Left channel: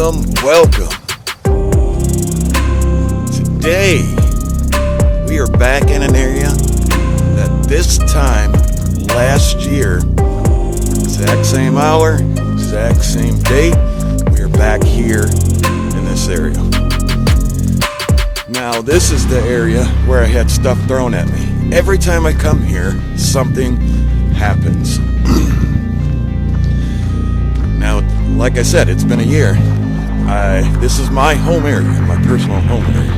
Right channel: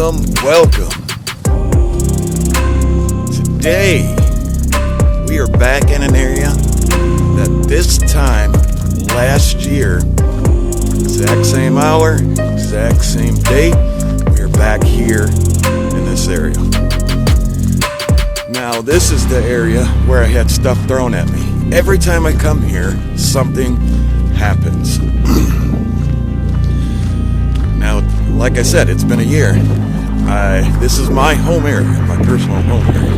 Welcome. Today, we are back in an area that this time last year, exact same hour, exact same date, we are back here in this area. Now, this is the area where I had stuff thrown at me. Every time I come here, something happens. Now, like I said, it's been a year. This is my home area, my personal home area.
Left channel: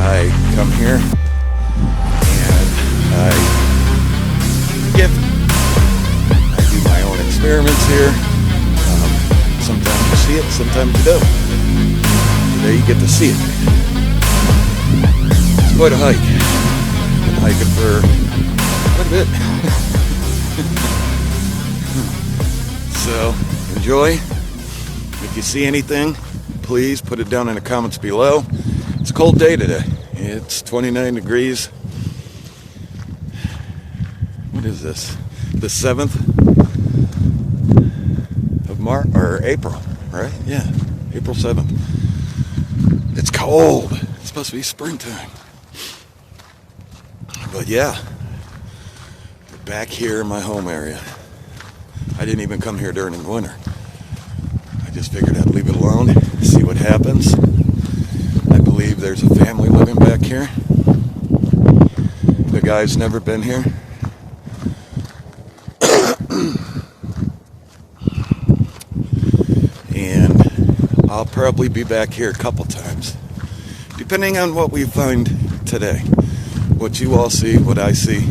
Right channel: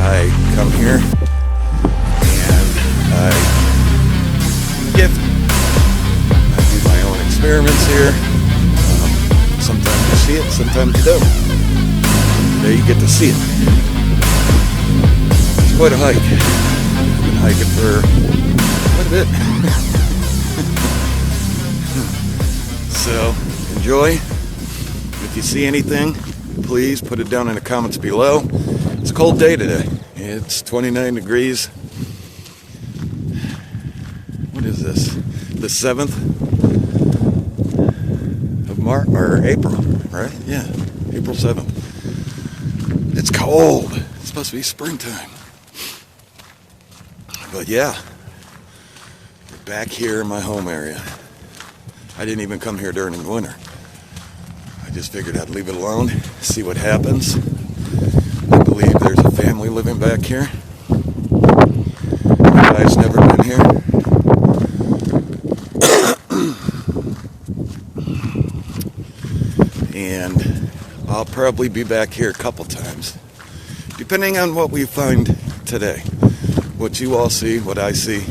I come here and I gift. I do my own experiments here. Sometimes you see it, sometimes you don't. Today you get to see it. It's quite a hike. I've been hiking for quite a bit. So, enjoy. If you see anything, please put it down in the comments below. It's a cold day today. It's 29 degrees. What is this? The 7th of March, or April, right? Yeah, April 7th. It's cold. It's supposed to be springtime. But yeah, we're back here in my home area. I didn't even come here during the winter. I just figured I'd leave it alone, see what happens. I believe there's a family living back here. The guy's never been here. And I'll probably be back here a couple times, depending on what we find today. What you all see, what I see.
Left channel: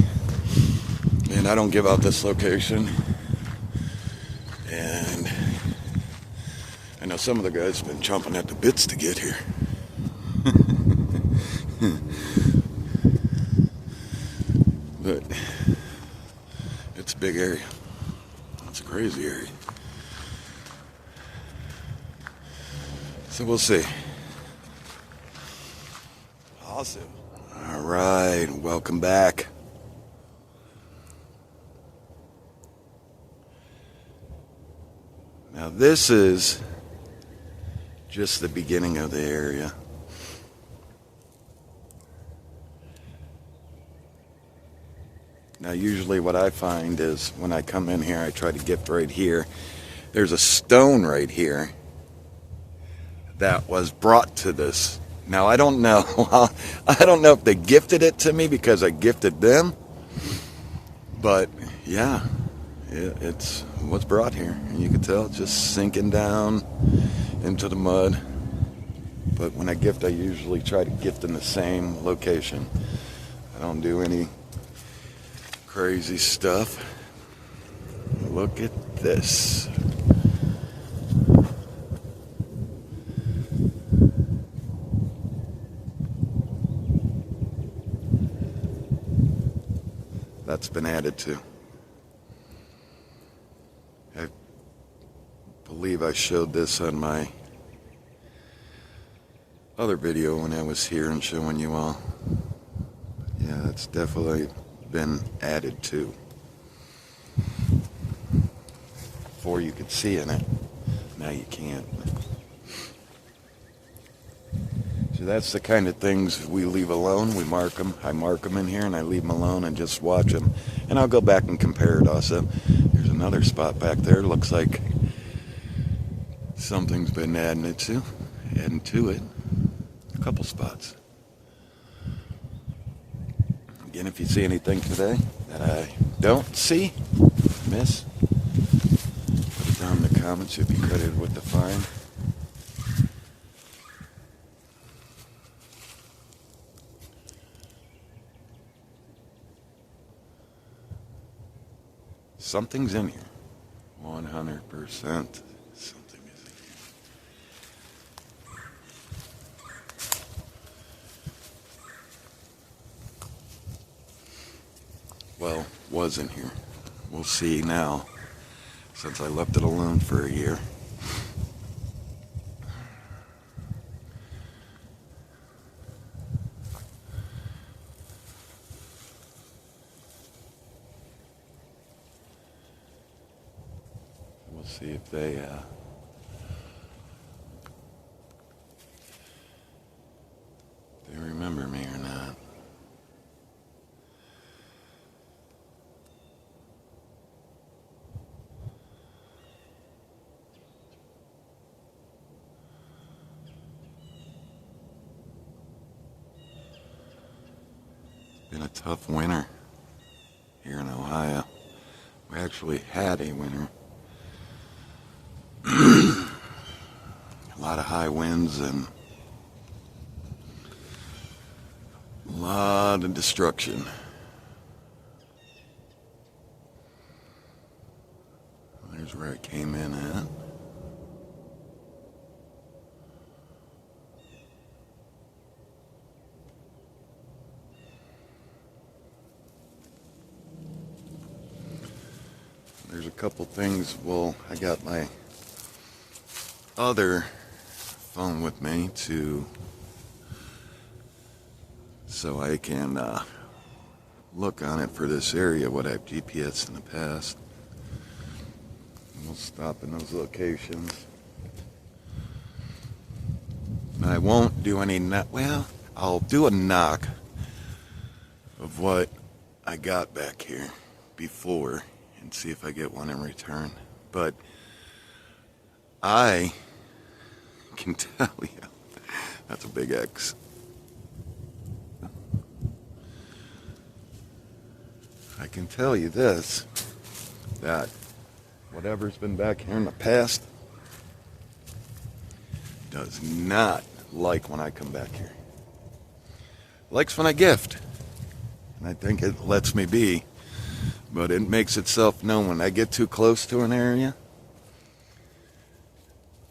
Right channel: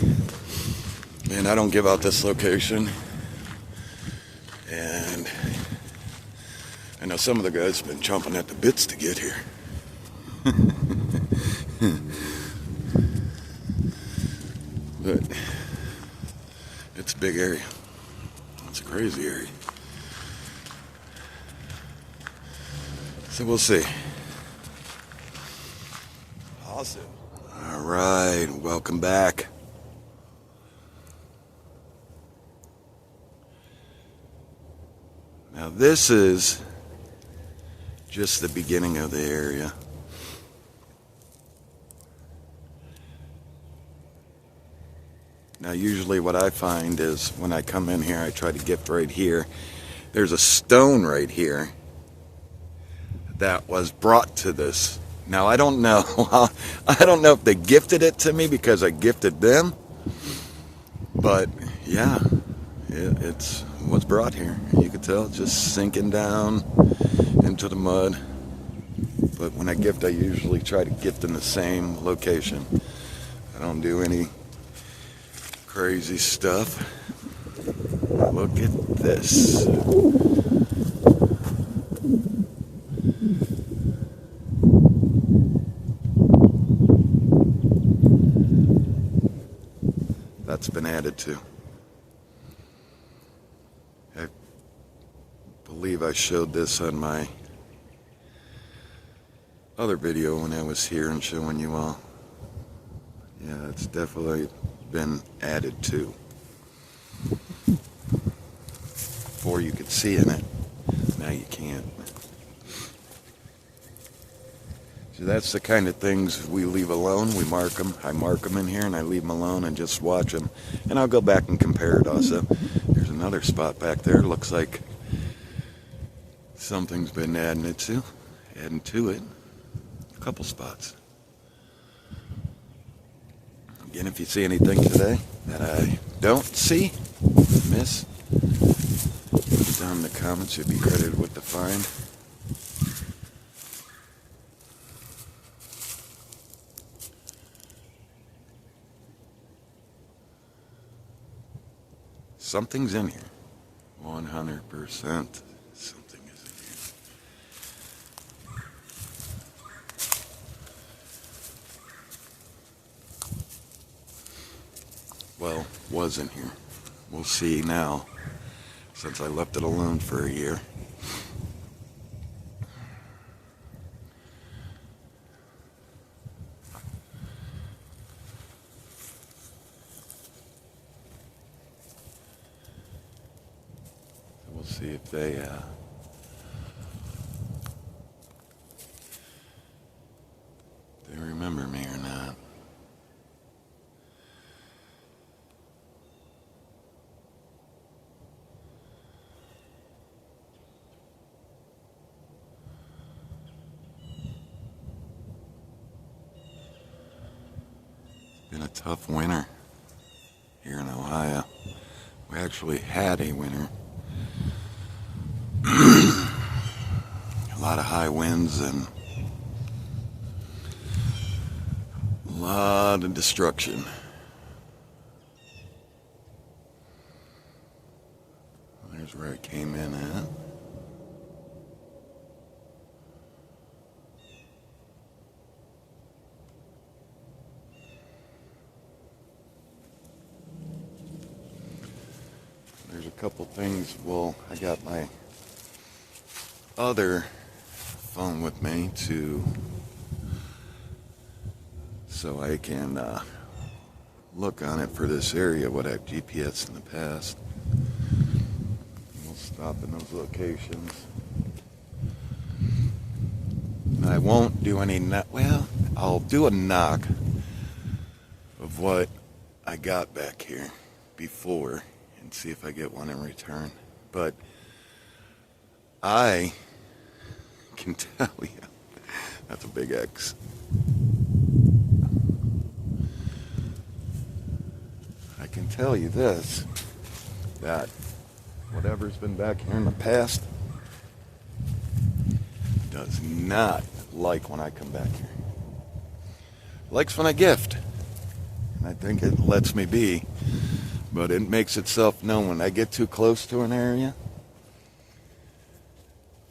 And I don't give out this location. And I know some of the guys have been chomping at the bits to get here. But it's a big area. It's a crazy area. So we'll see. Awesome. All right, welcome back. Now this is just the beginning of the area. Now usually what I find is when I come in here, I try to gift right here. There's a stone right here that was brought to this. Now I don't know. I don't know if they gifted it to me because I gifted them. But yeah, it's what's brought here. You can tell it's just sinking down into the mud. But when I gift, I usually try to gift in the same location. I don't do any crazy stuff. Look at this. That's been added to. I believe I showed this on my other video when I was here and showing you all. Yeah, it's definitely been added to. Before you could see in it, now you can't. So that's the kind of things we leave alone. We mark them. I mark them in here and I leave them alone and just watch them. And I'll go back and compare it also. There's another spot back there. Looks like something's been adding to it. A couple spots. Again, if you see anything today that I don't see, miss, put it down in the comments. You'll be credited with the find. Something's in here. 100%. Something is in here. Well, was in here. We'll see now, since I left it alone for a year. We'll see if they Been a tough winter here in Ohio. We actually had a winter. A lot of high winds and a lot of destruction. There's where it came in at. There's a couple things. Well, I got my other phone with me so I can look on it for this area, what I've GPS in the past. We'll stop in those locations. I won't do any well, I'll do a knock of what I got back here before and see if I get one in return. But I can tell you, that's a big X. I can tell you this, that whatever's been back here in the past does not like when I come back here. Likes when I gift. And I think it lets me be. But it makes itself known when I get too close to an area.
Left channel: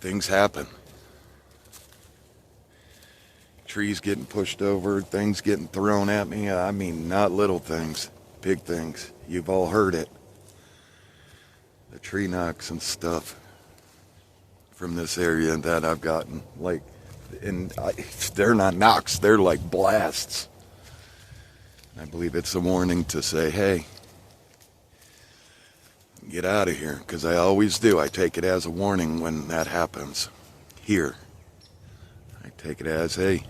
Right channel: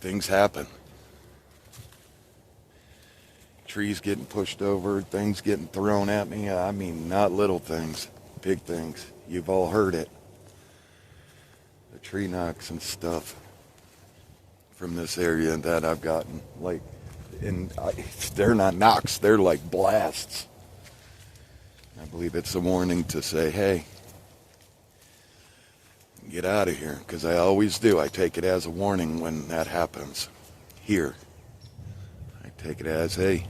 Things happen. Trees getting pushed over, things getting thrown at me. I mean, not little things, big things. You've all heard it. The tree knocks and stuff from this area that I've gotten. Like, they're not knocks, they're like blasts. I believe it's a warning to say, hey, get out of here, because I always do. I take it as a warning when that happens. Here, I take it as, hey,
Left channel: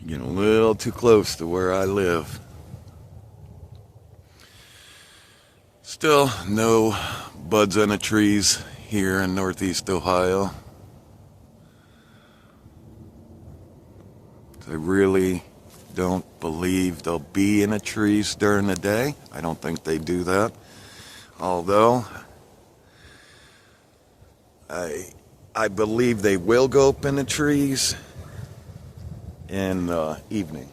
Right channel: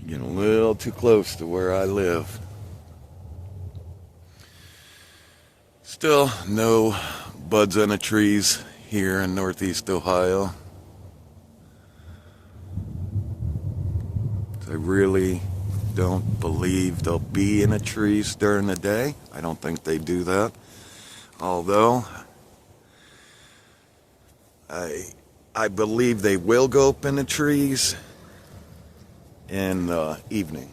you're getting a little too close to where I live. Still, no buds on the trees here in Northeast Ohio. I really don't believe they'll be in the trees during the day. I don't think they do that. Although, I believe they will go up in the trees in the evening.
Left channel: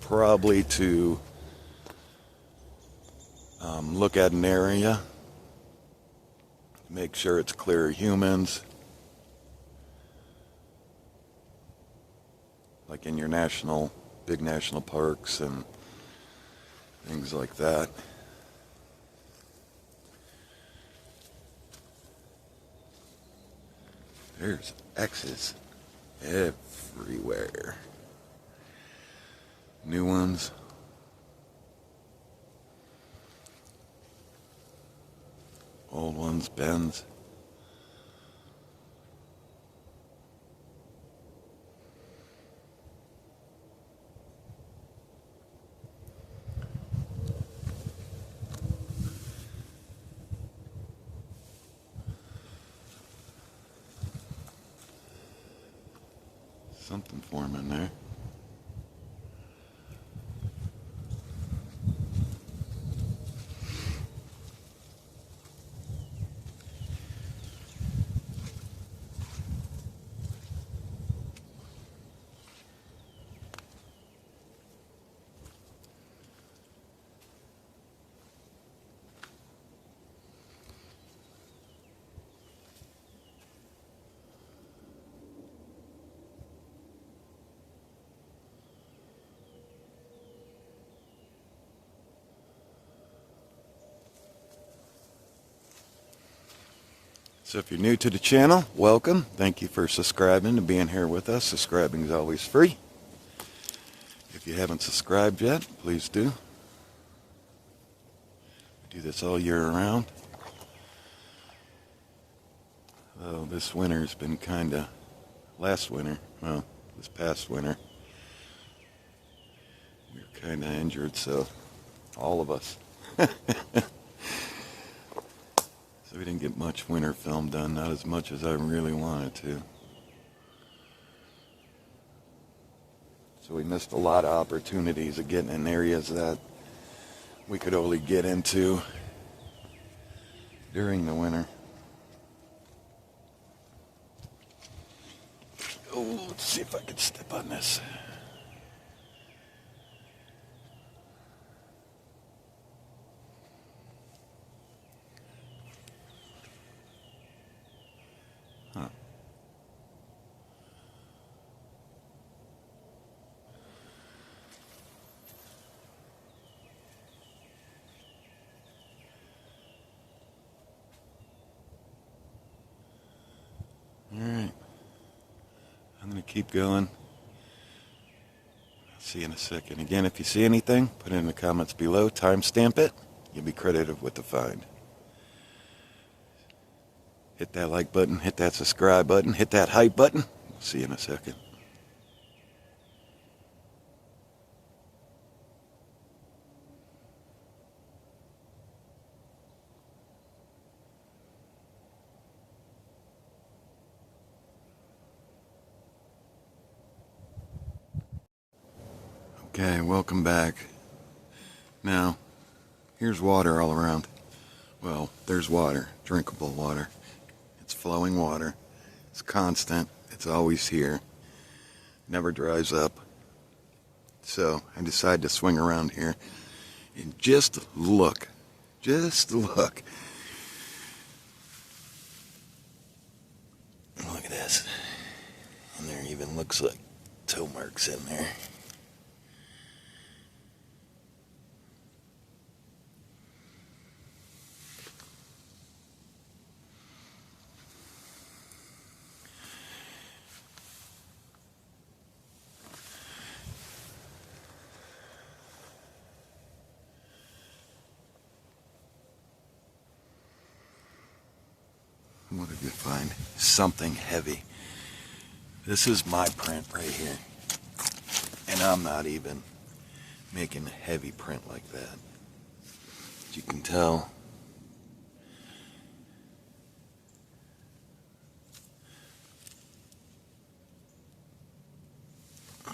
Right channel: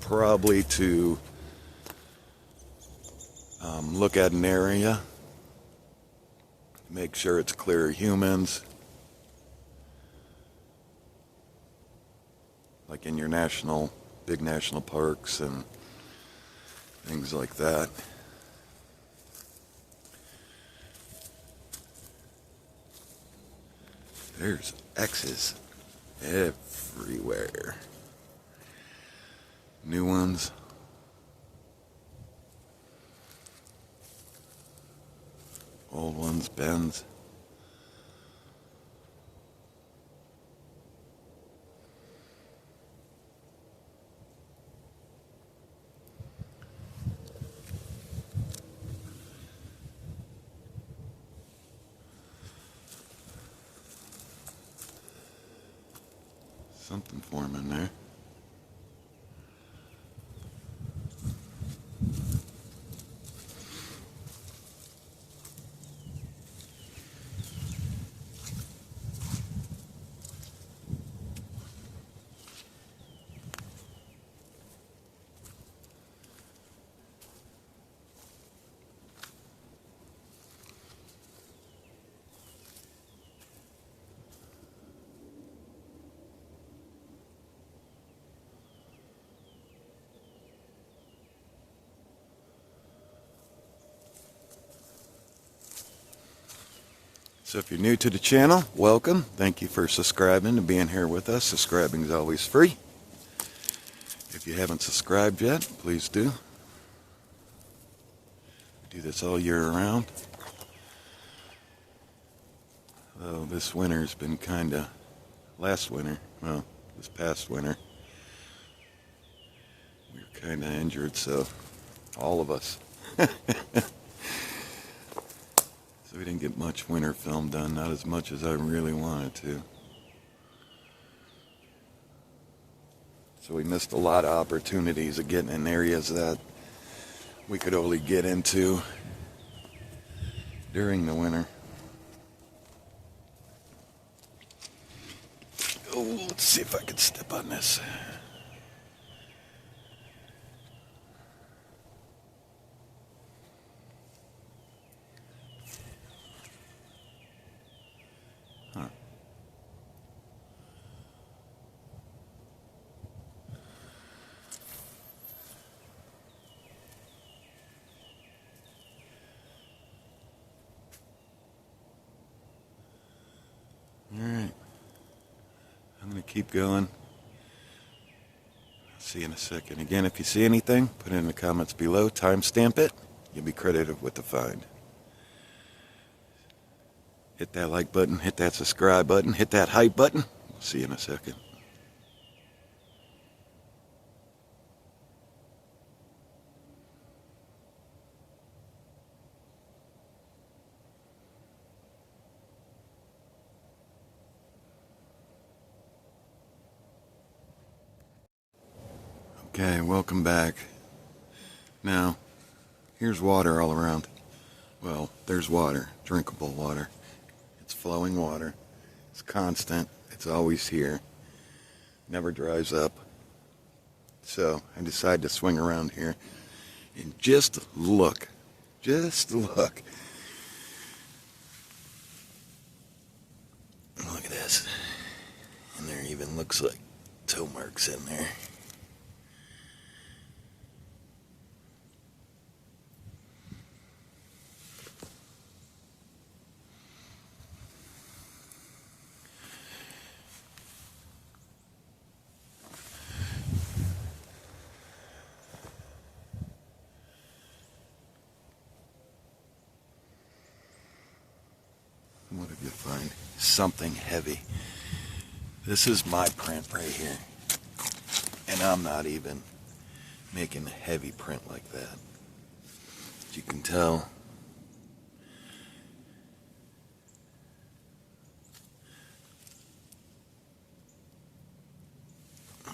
Probably to look at an area, make sure it's clear of humans, like in your big national parks and things like that. There's X's everywhere. New ones. Old ones, bends. Something forming there. So if you're new to the channel, welcome. Thank you for subscribing and being here with us. Subscribing is always free. If you haven't subscribed yet, please do. We do this all year round. Oh, this winter's been last winter, well, this past winter, we were kind of injured, so all of us. So we didn't get much winter film done, not as much as I really wanted to. So we missed a lot of opportunities of getting in areas that we could only get into during the winter. Oh, let's see if I can step on this. Huh. All right. I'm going to keep going. I'll see you in a second. Again, if you see anything, put it in the comments below. Timestamp it. You'll be credited with the find. Hit that like button. Hit that subscribe button. Hit that hype button. We'll see you in a second. Okay, welcome back. Now, here's water all around. Well, there's water, drinkable water. It's flowing water. It's constant. It's always here. Never dries up. So I decided to swing around here and just look. Just look. Look at this. And there even looks like toe marks in there. What did you find? Something heavy. This is my print right here. And I'm not even making a heavy print like that. As you can tell,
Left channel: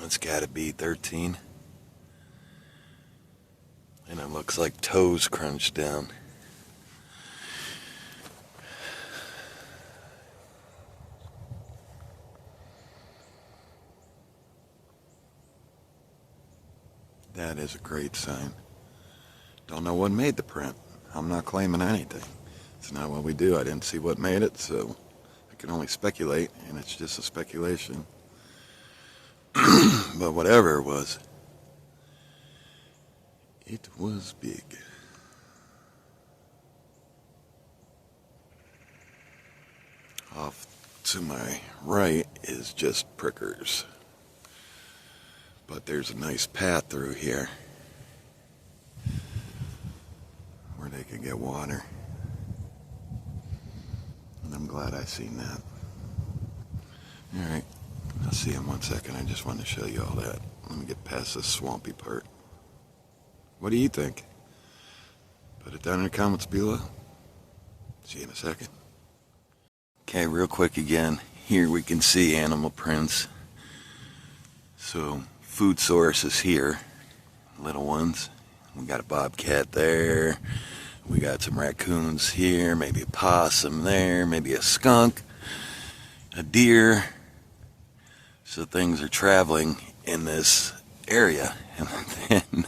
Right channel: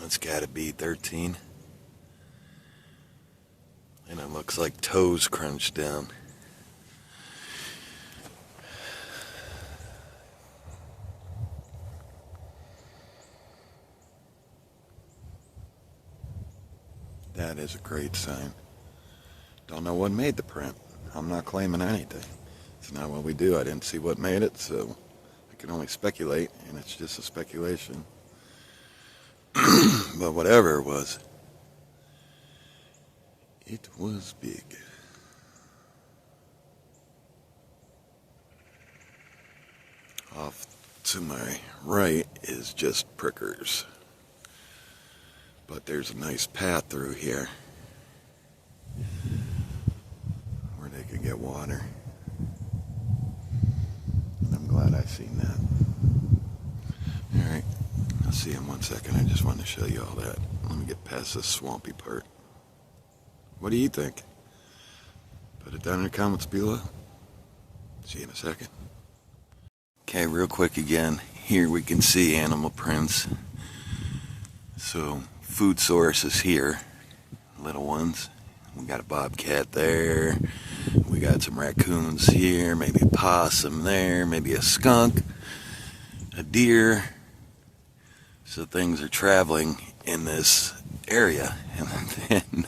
it's gotta be 13. And it looks like toes crunched down. That is a great sign. Don't know what made the print. I'm not claiming anything. It's not what we do. I didn't see what made it, so I can only speculate, and it's just a speculation. But whatever it was big. Off to my right is just prickers. But there's a nice path through here where they could get water. And I'm glad I seen that. Alright, I'll see you in 1 second. I just wanted to show you all that. Let me get past this swampy part. What do you think? Put it down in the comments below. See you in a second. Okay, real quick again. Here we can see animal prints. So, food source is here. Little ones. We got a bobcat there. We got some raccoons here. Maybe a possum there. Maybe a skunk. A deer. So things are traveling in this area. And then,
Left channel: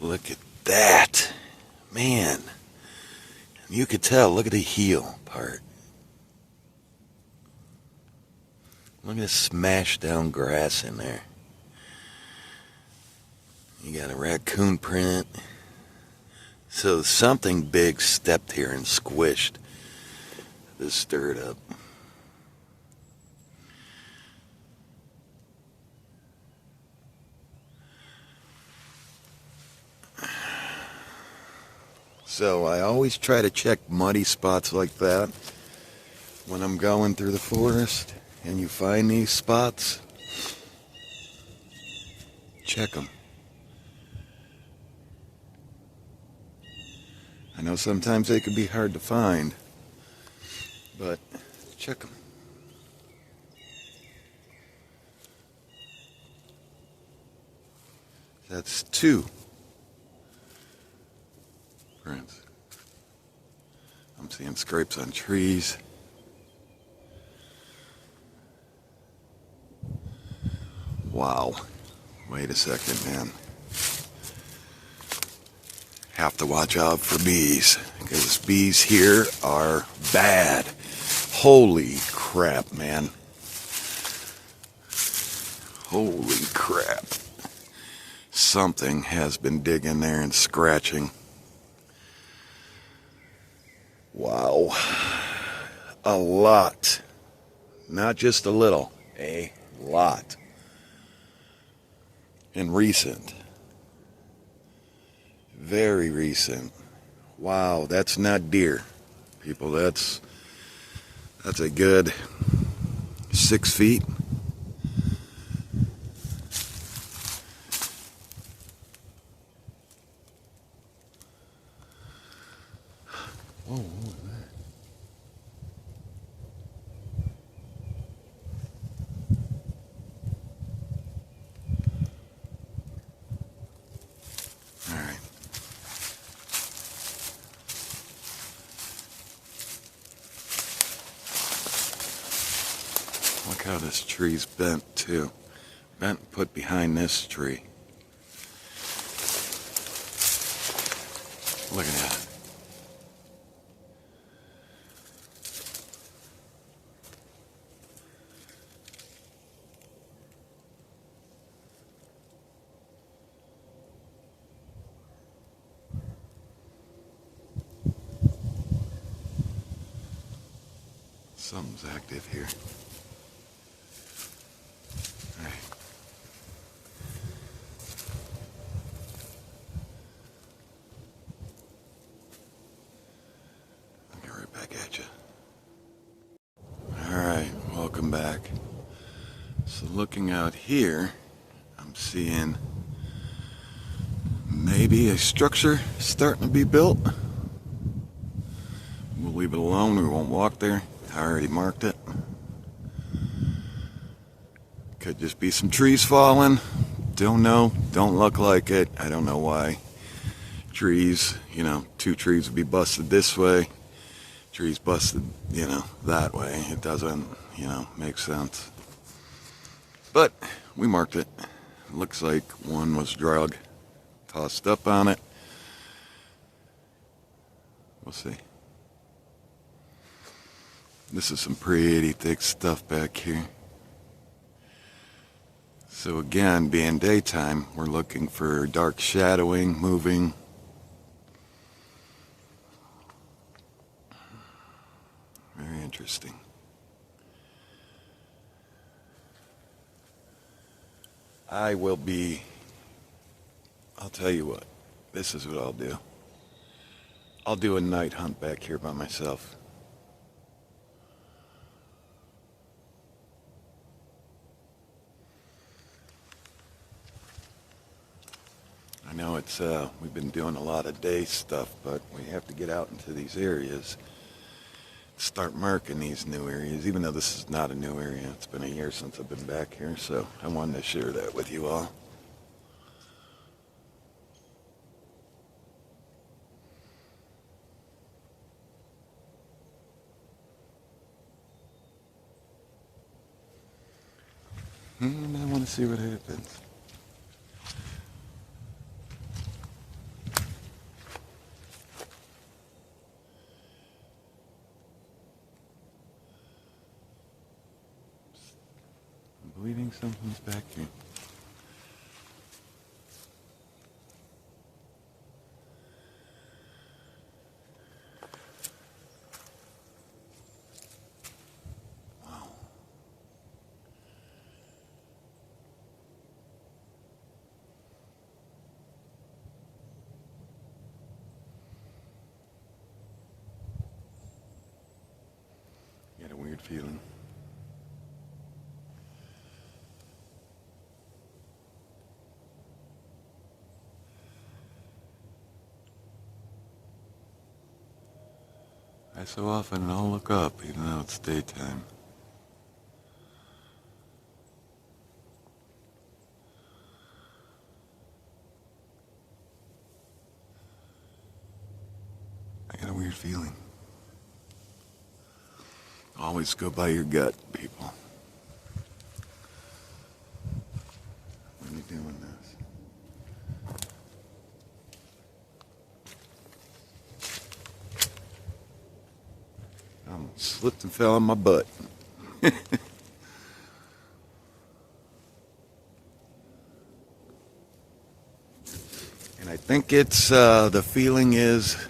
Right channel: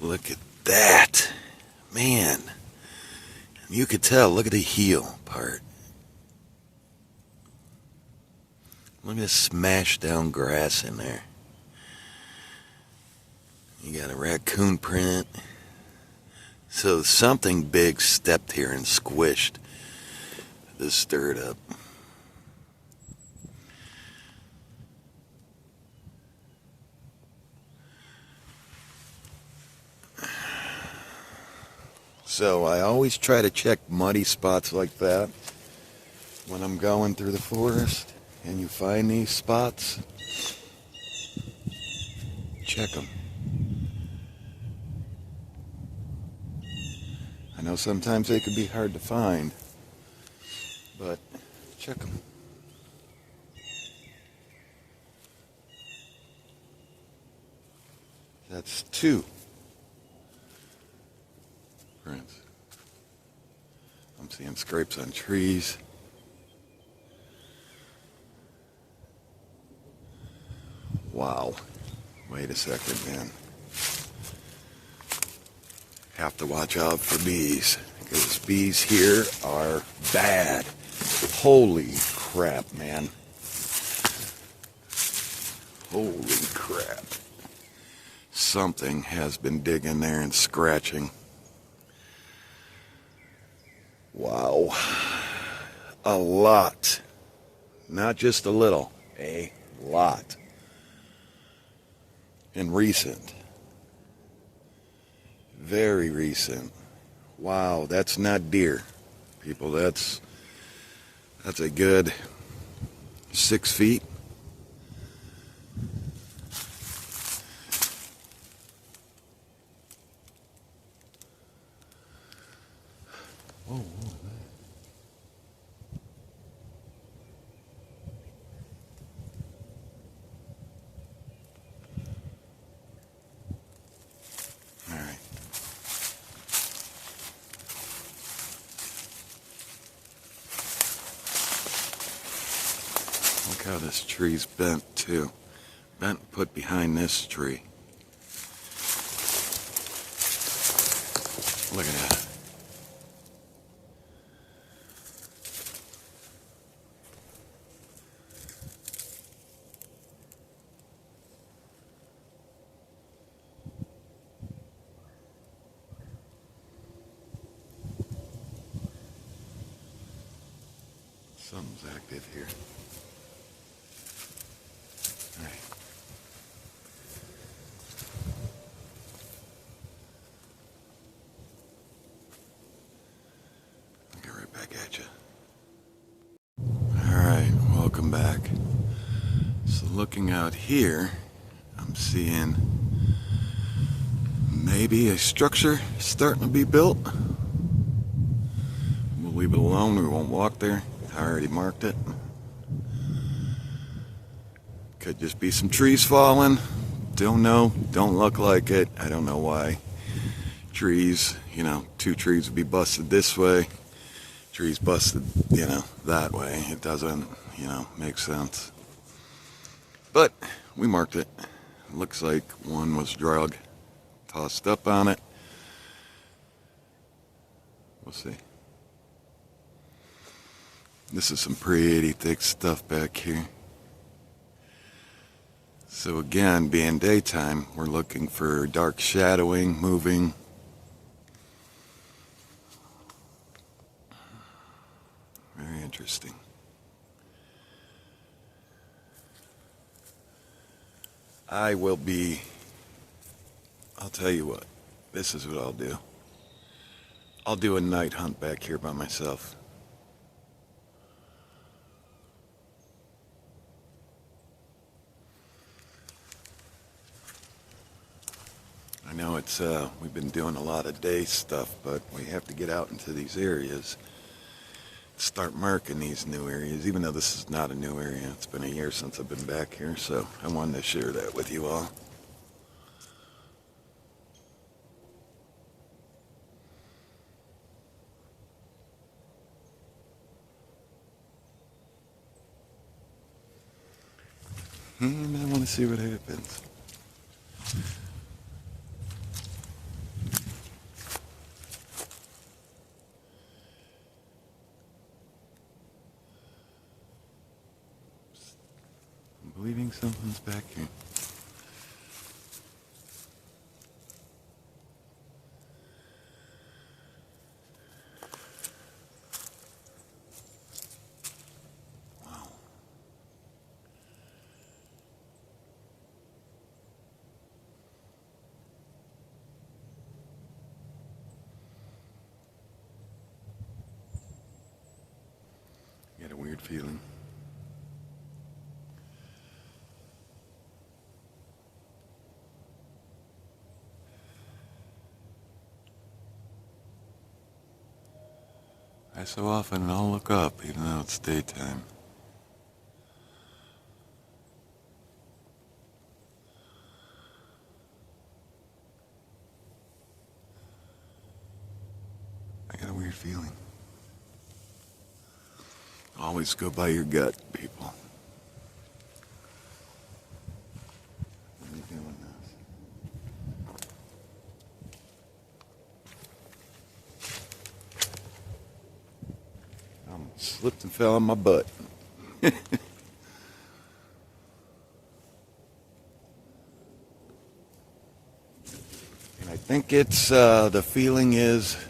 look at that. Man. You could tell. Look at the heel part. Look at this smashed down grass in there. You got a raccoon print. So something big stepped here and squished this dirt up. So I always try to check muddy spots like that when I'm going through the forest. And you find these spots, check them. I know sometimes they can be hard to find, but check them. That's 2 prints. I'm seeing scrapes on trees. Wow. Wait a second, man. Have to watch out for bees, because bees here are bad. Holy crap, man. Holy crap. Something has been digging there and scratching. Wow. A lot. Not just a little. A lot. And recent. Very recent. Wow, that's not deer, people. That's a good 6 feet. Whoa, whoa. All right. Look how this tree's bent too. Bent and put behind this tree. Look at that. Something's active here. All right. I'll get right back at you. All right, welcome back. So looking out here, I'm seeing maybe a structure starting to be built. We'll leave it alone. We won't walk there. I already marked it. Could just be some trees falling. Don't know. Don't look like it. I don't know why. Trees, 2 trees would be busted this way. Trees busted, that way. It doesn't, make sense. But we marked it. Looks like one was drug, tossed up on it. We'll see. This is some pretty thick stuff back here. So again, being daytime, we're looking for dark shadowing, moving. Very interesting. I'll tell you what, this is what I'll do. I'll do a night hunt back here by myself. I know we've been doing a lot of day stuff, but we have to get out into these areas, start marking these new areas, even though this is not a new area. It's been a year since I've been back here, so I wanted to share that with you all. And I want to see what happens. I'm believing something's back here. Wow. Got a weird feeling. I so often I'll look up even though it's daytime. weird feeling. Always go by your gut, people. What are you doing this? Slipped and fell on my butt. And I think it's, the feeling is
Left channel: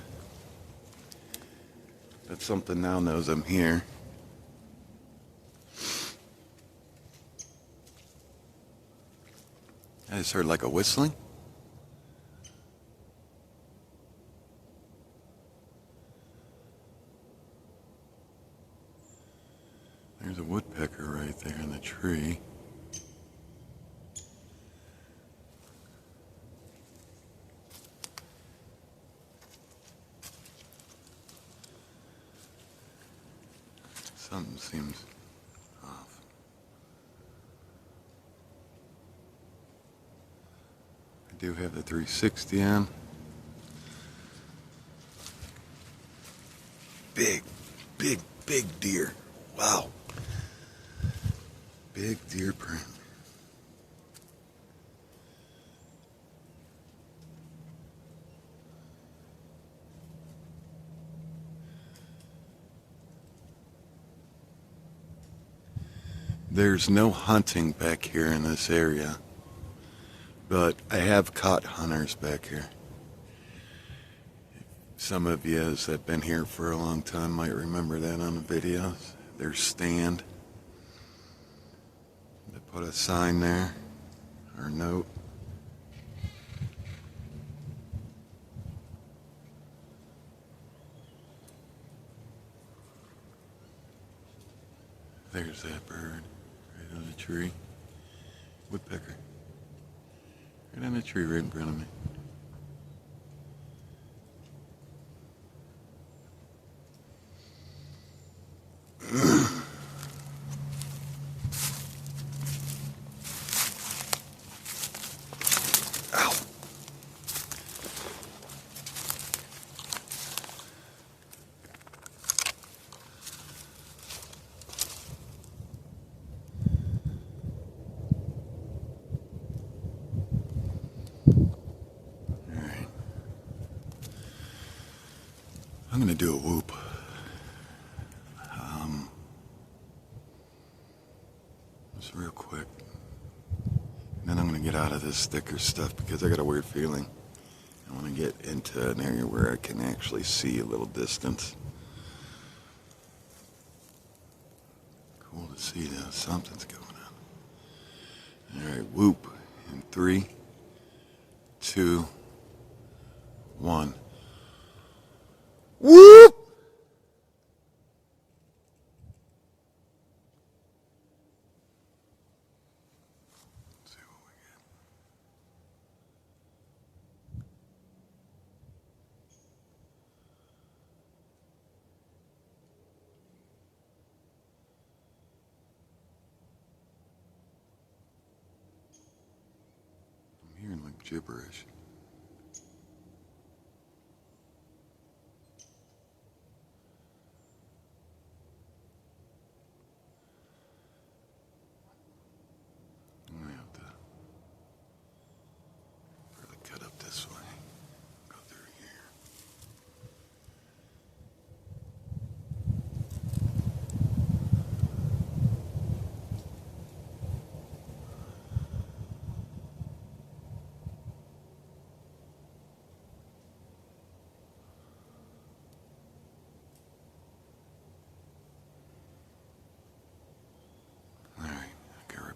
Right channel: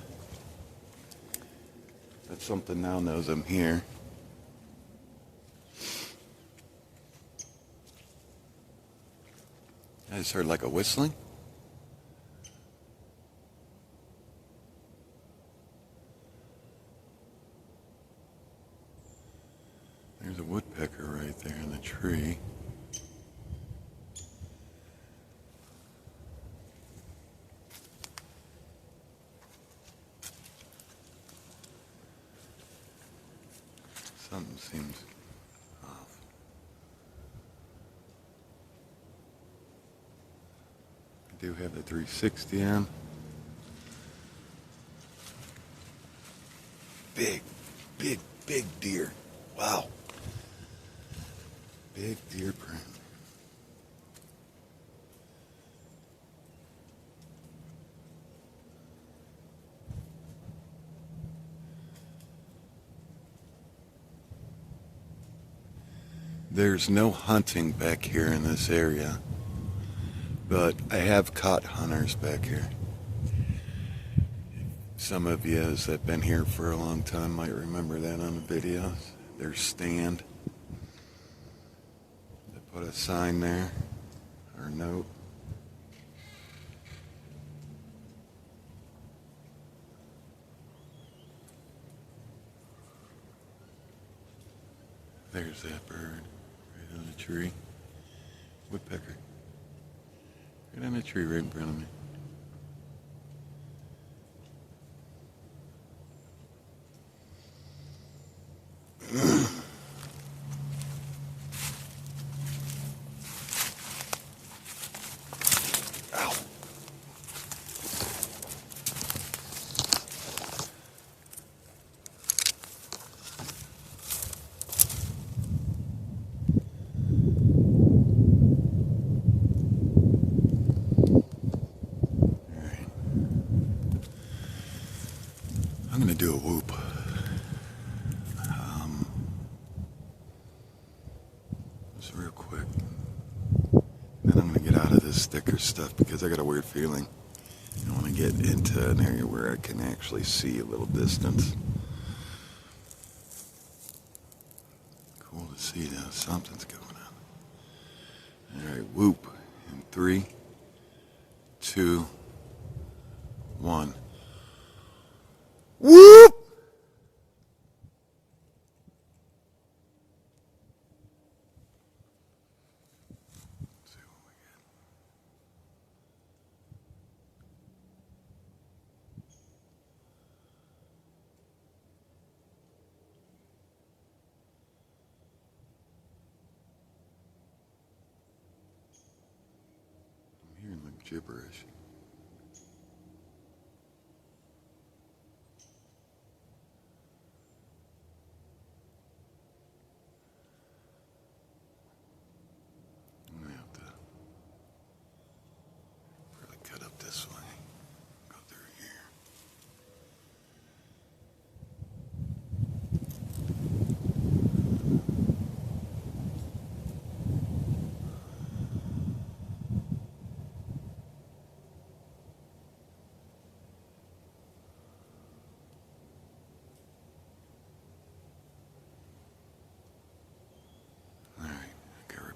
that something now knows I'm here. I just heard like a whistling. There's a woodpecker right there in the tree. Something seems off. I do have the 360 on. Big, big, big deer. Wow. Big deer print. There's no hunting back here in this area, but I have caught hunters back here. Some of you that have been here for a long time might remember that on the videos. There's stand. They put a sign there, or a note. There's that bird. Right on the tree. Woodpecker. Right on the tree right in front of me. Ow. I'm going to do a whoop. Just real quick. Then I'm going to get out of this sticker stuff because I got a weird feeling. I want to get into an area where I can actually see a little distance. Cool to see that something's going on. Alright, whoop. In 3, 2, 1. Whoop! Let's see what we get. I'm hearing like gibberish.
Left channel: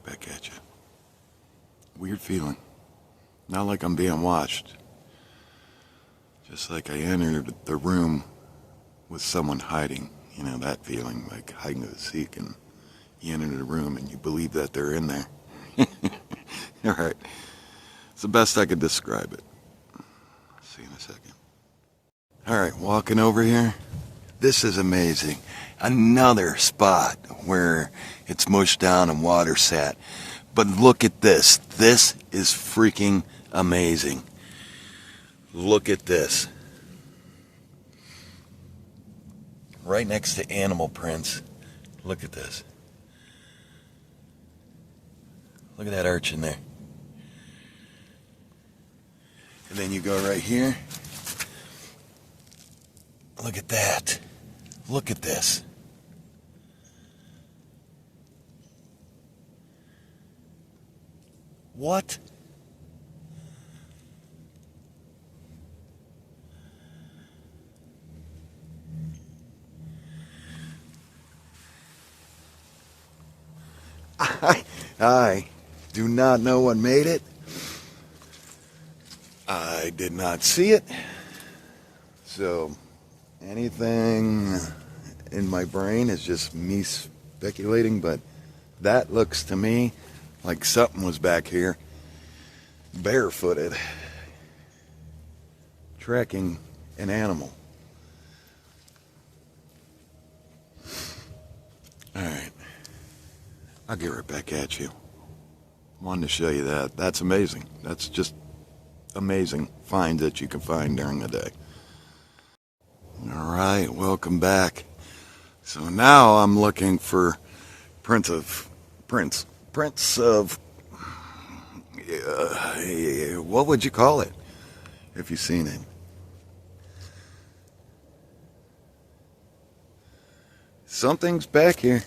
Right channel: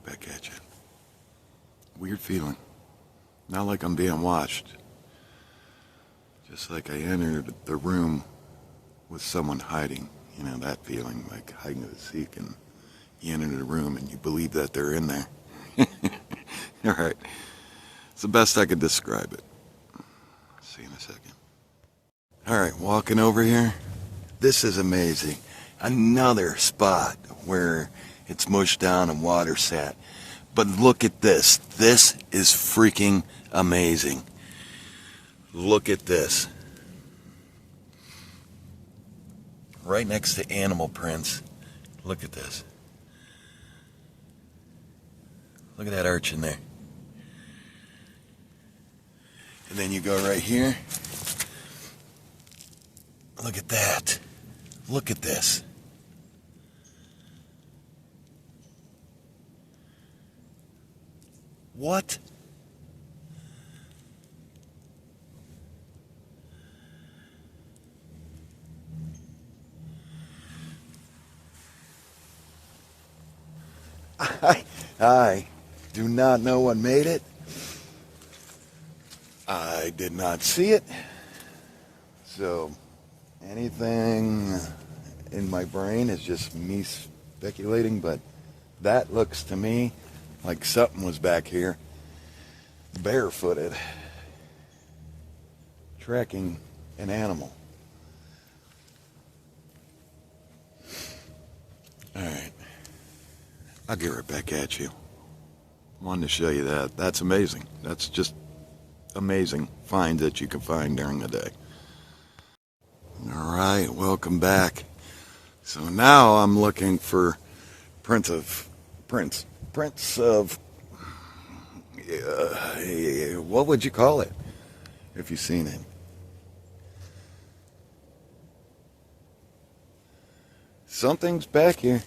Back at you. Weird feeling. Not like I'm being watched. Just like I entered the room with someone hiding. You know, that feeling, like hiding and seek, and you enter the room and you believe that they're in there. Alright. It's the best I could describe it. See you in a second. Alright, walking over here. This is amazing. Another spot where it's mushed down and water sat. But look at this. This is freaking amazing. Look at this. right next to animal prints. Look at this. Look at that urchin there. And then you go right here. Look at that. Look at this. What? I do not know what made it. I did not see it. So anything in my brain is just me speculating, but that looks to me like something was back here, barefooted, tracking an animal. Alright, I'll get right back at you. Wanted to show you that. That's amazing. That's just amazing find that you can find during the day. Alright, welcome back. So now I'm looking for prints of what would you call it if you've seen it? Something's back here.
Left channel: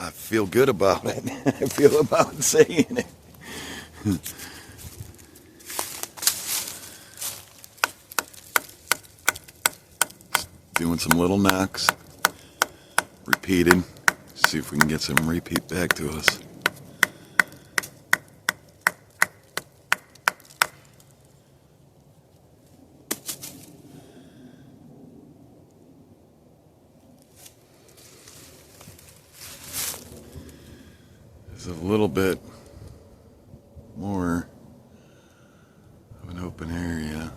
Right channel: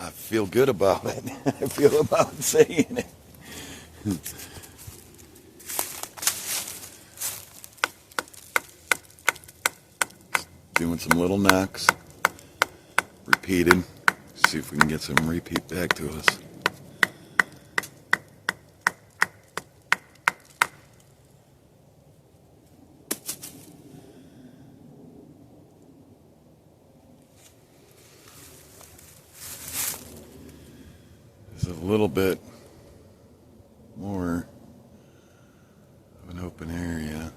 I feel good about it. I feel about saying it. Doing some little knocks, repeated. See if we can get some repeat back to us. There's a little bit more of an open area.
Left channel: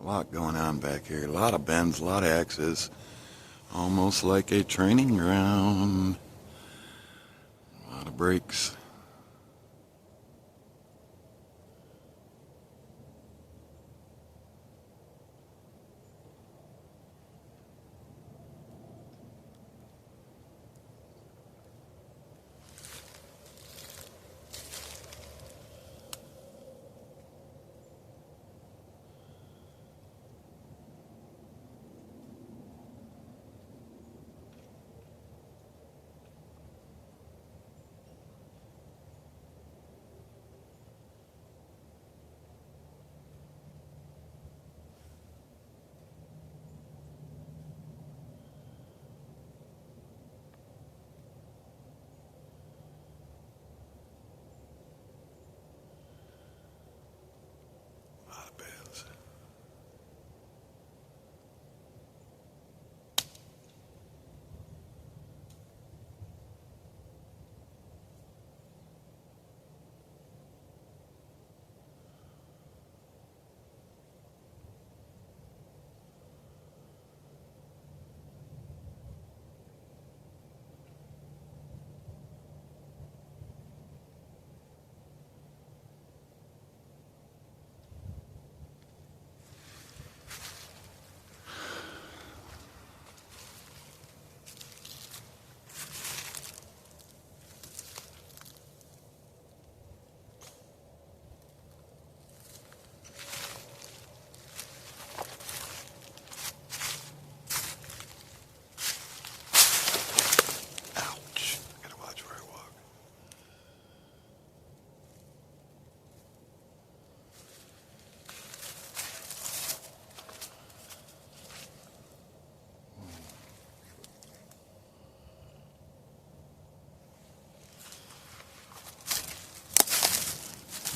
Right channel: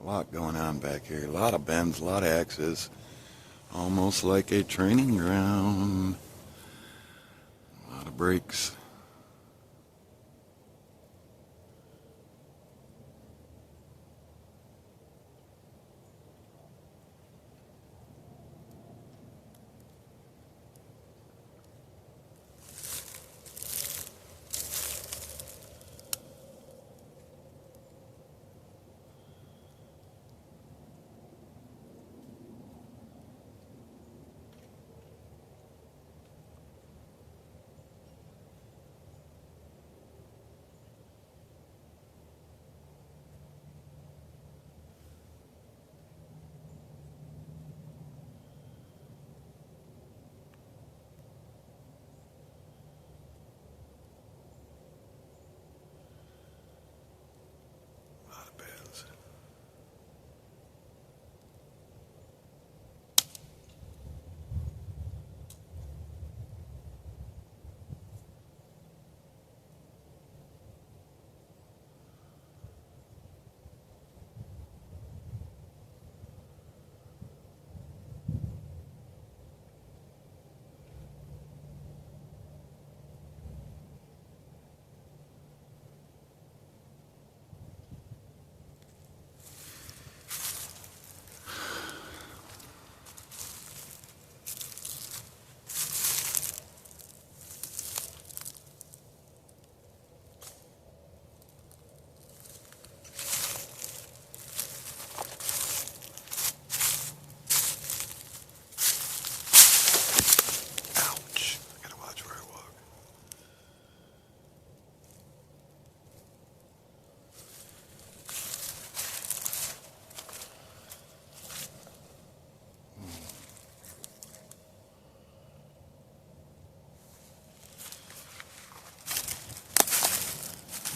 A lot going on back here. A lot of bends, a lot of X's. Almost like a training ground. A lot of breaks.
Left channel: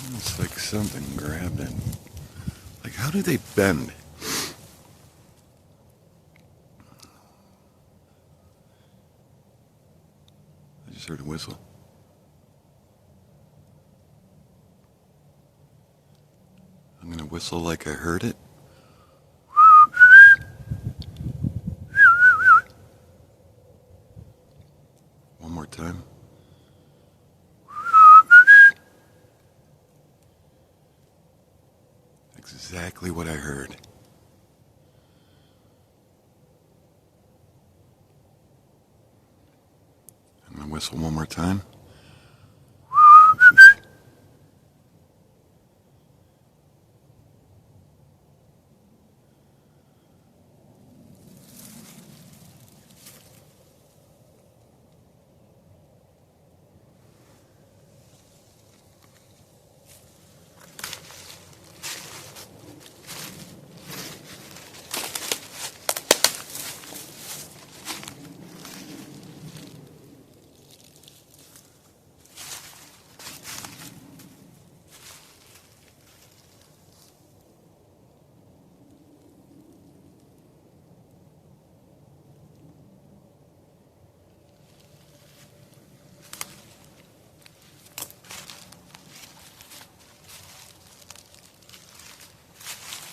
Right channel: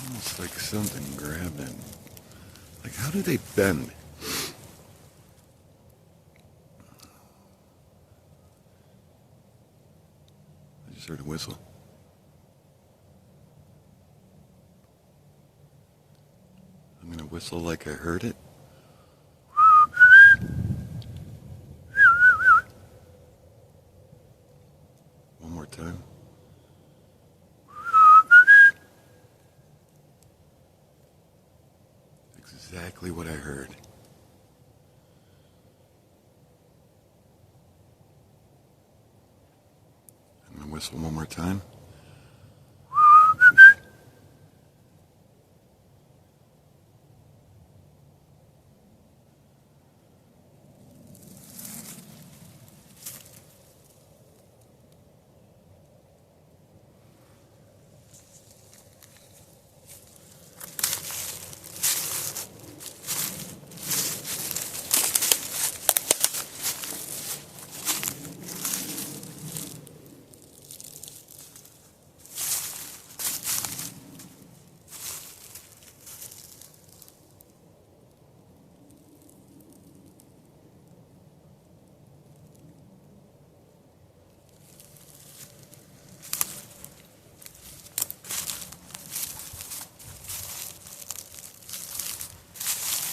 Almost like something grabbed it. Like, how do they bend? I just heard a whistle. I'm gonna whistle like I heard it. One more time. exactly what I heard. I'm gonna whistle one more time.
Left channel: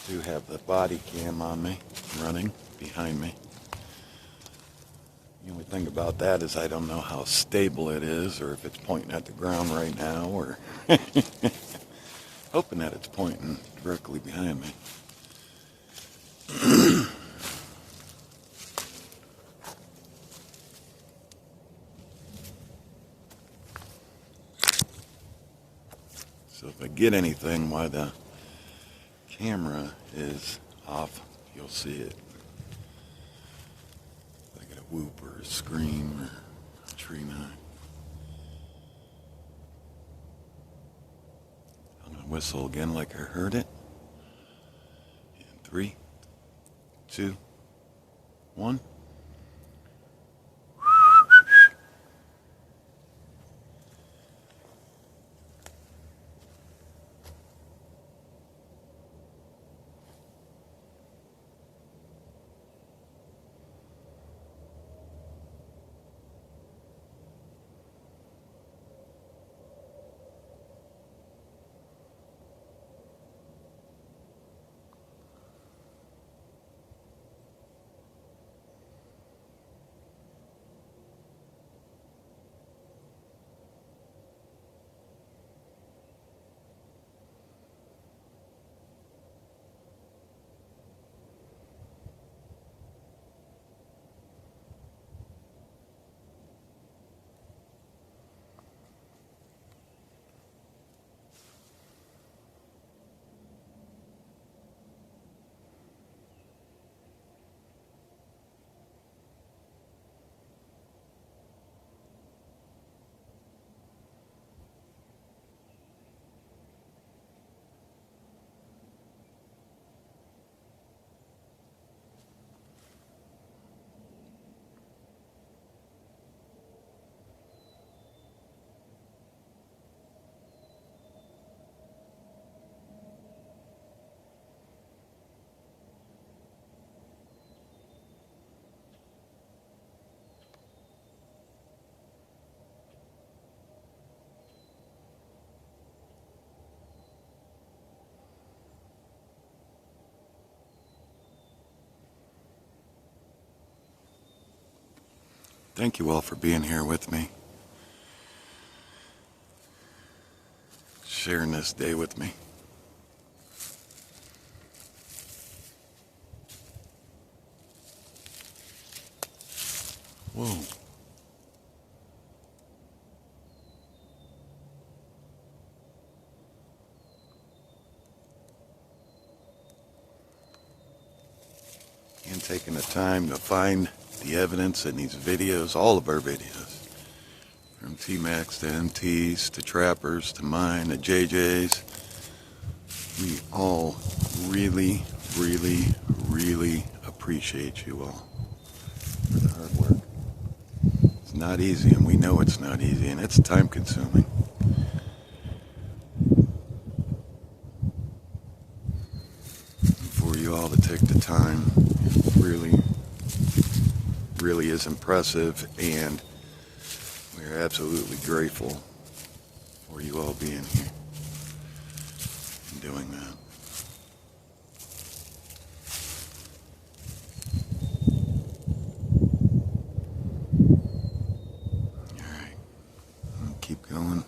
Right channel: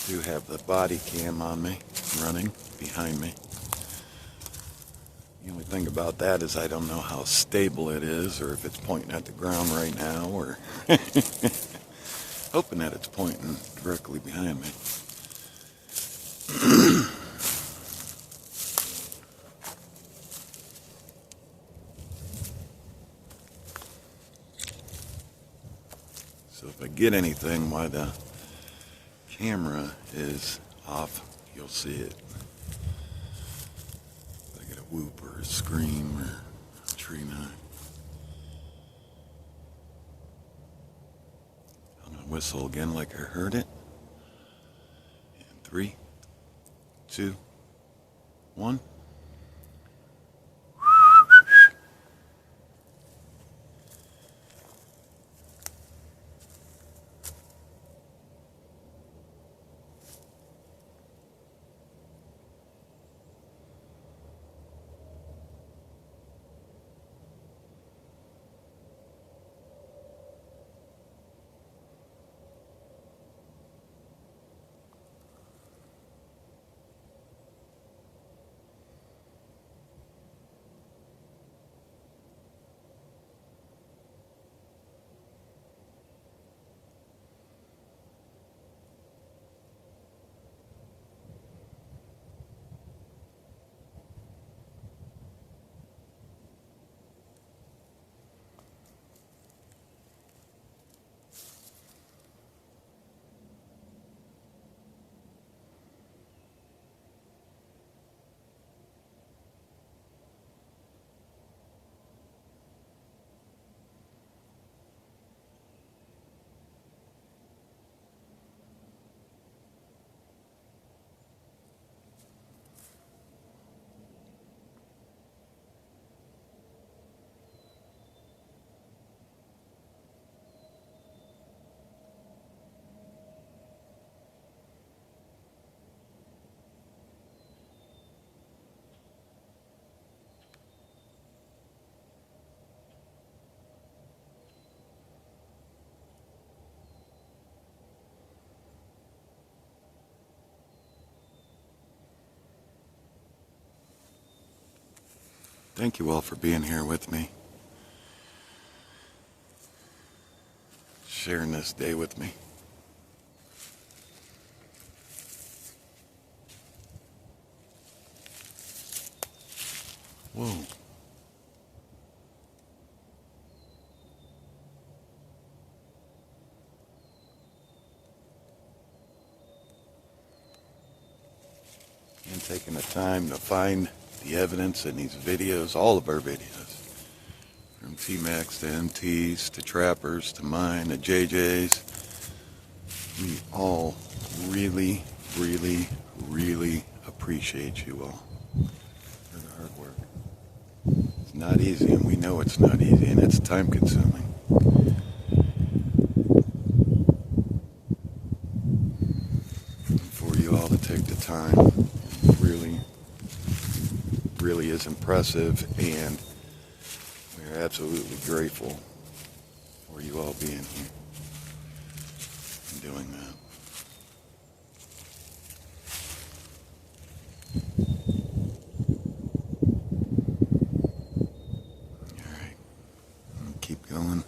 Do have the body cam on me, running behind me. The only thing about that is I don't know how stable it is, or if it's pointing at the ground right now, or hoping that it's pointing directly behind me. So if I get anything while the camera is off, you'll see it. If I get a whoop or a scream or a tree knock. I'm going to whistle again like I heard it. In 3, 2, 1. Thank you all for being here with me, sharing this day with me. Whoa. And taking the time to find the evidence in these videos, all of our videos, from T-Max to MTs to Trappers to mine to JJ's. We all really, really, really appreciate you all for the hard work. It's not easy, and we know it's not easy, and it's time consuming. For you all to take the time, it really is impressive, and we are absolutely grateful for you all being here and doing that. Alright, I'll keep going.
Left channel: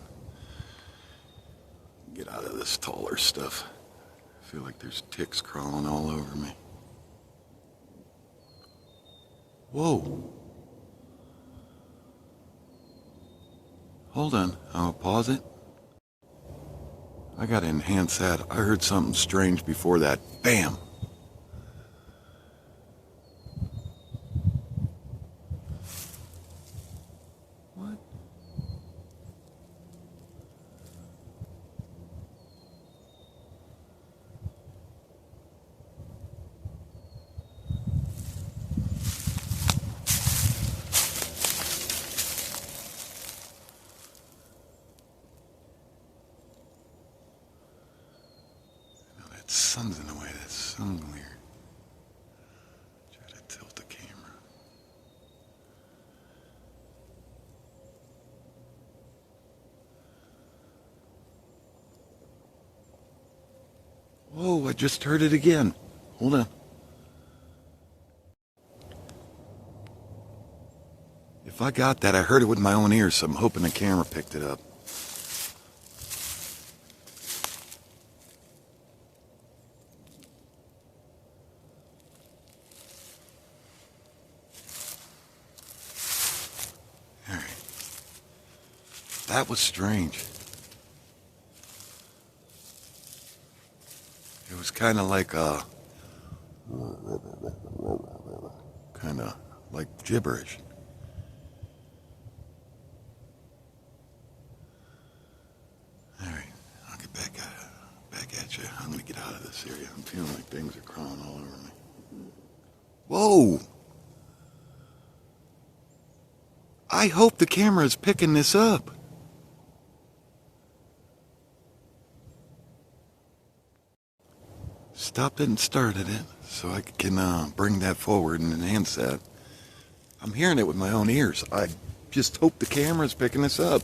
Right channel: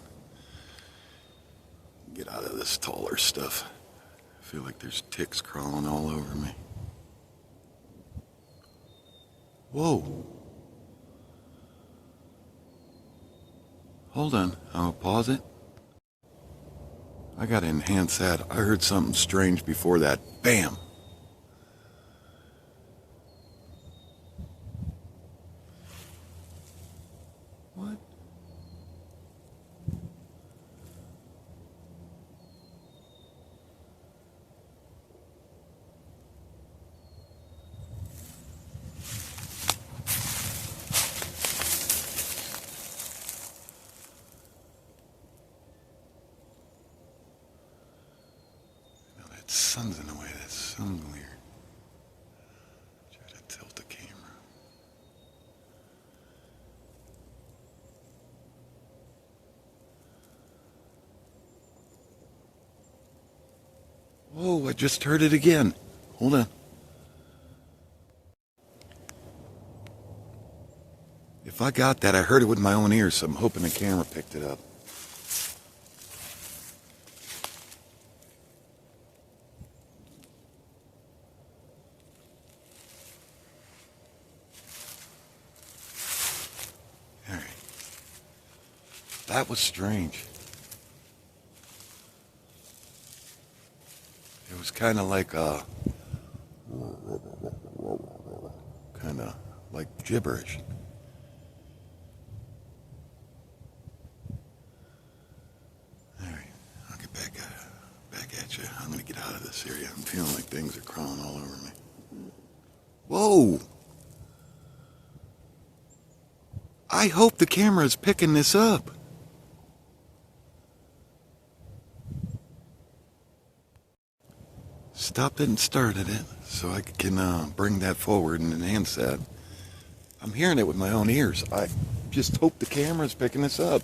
Get out of this taller stuff I feel like there's ticks crawling all over me. Whoa. Hold on, I'll pause it. I gotta enhance that. I heard something strange before that. Bam! What? That sun's in the way, that sun glare. Try to tilt the camera. Whoa, I just heard it again. Hold on. If I got that, I heard it with my own ears, so I'm hoping the camera picked it up. Alright. That was strange. It was kind of like gibberish. All right, I'll get back at you. I'm gonna get out of this area. I'm feeling like things are crawling all over me. Whoa! I hope the camera is picking this up. Stopped it and started it, so I can bring that forward and enhance that. I'm hearing it with my own ears. I just hope the camera's picking this up.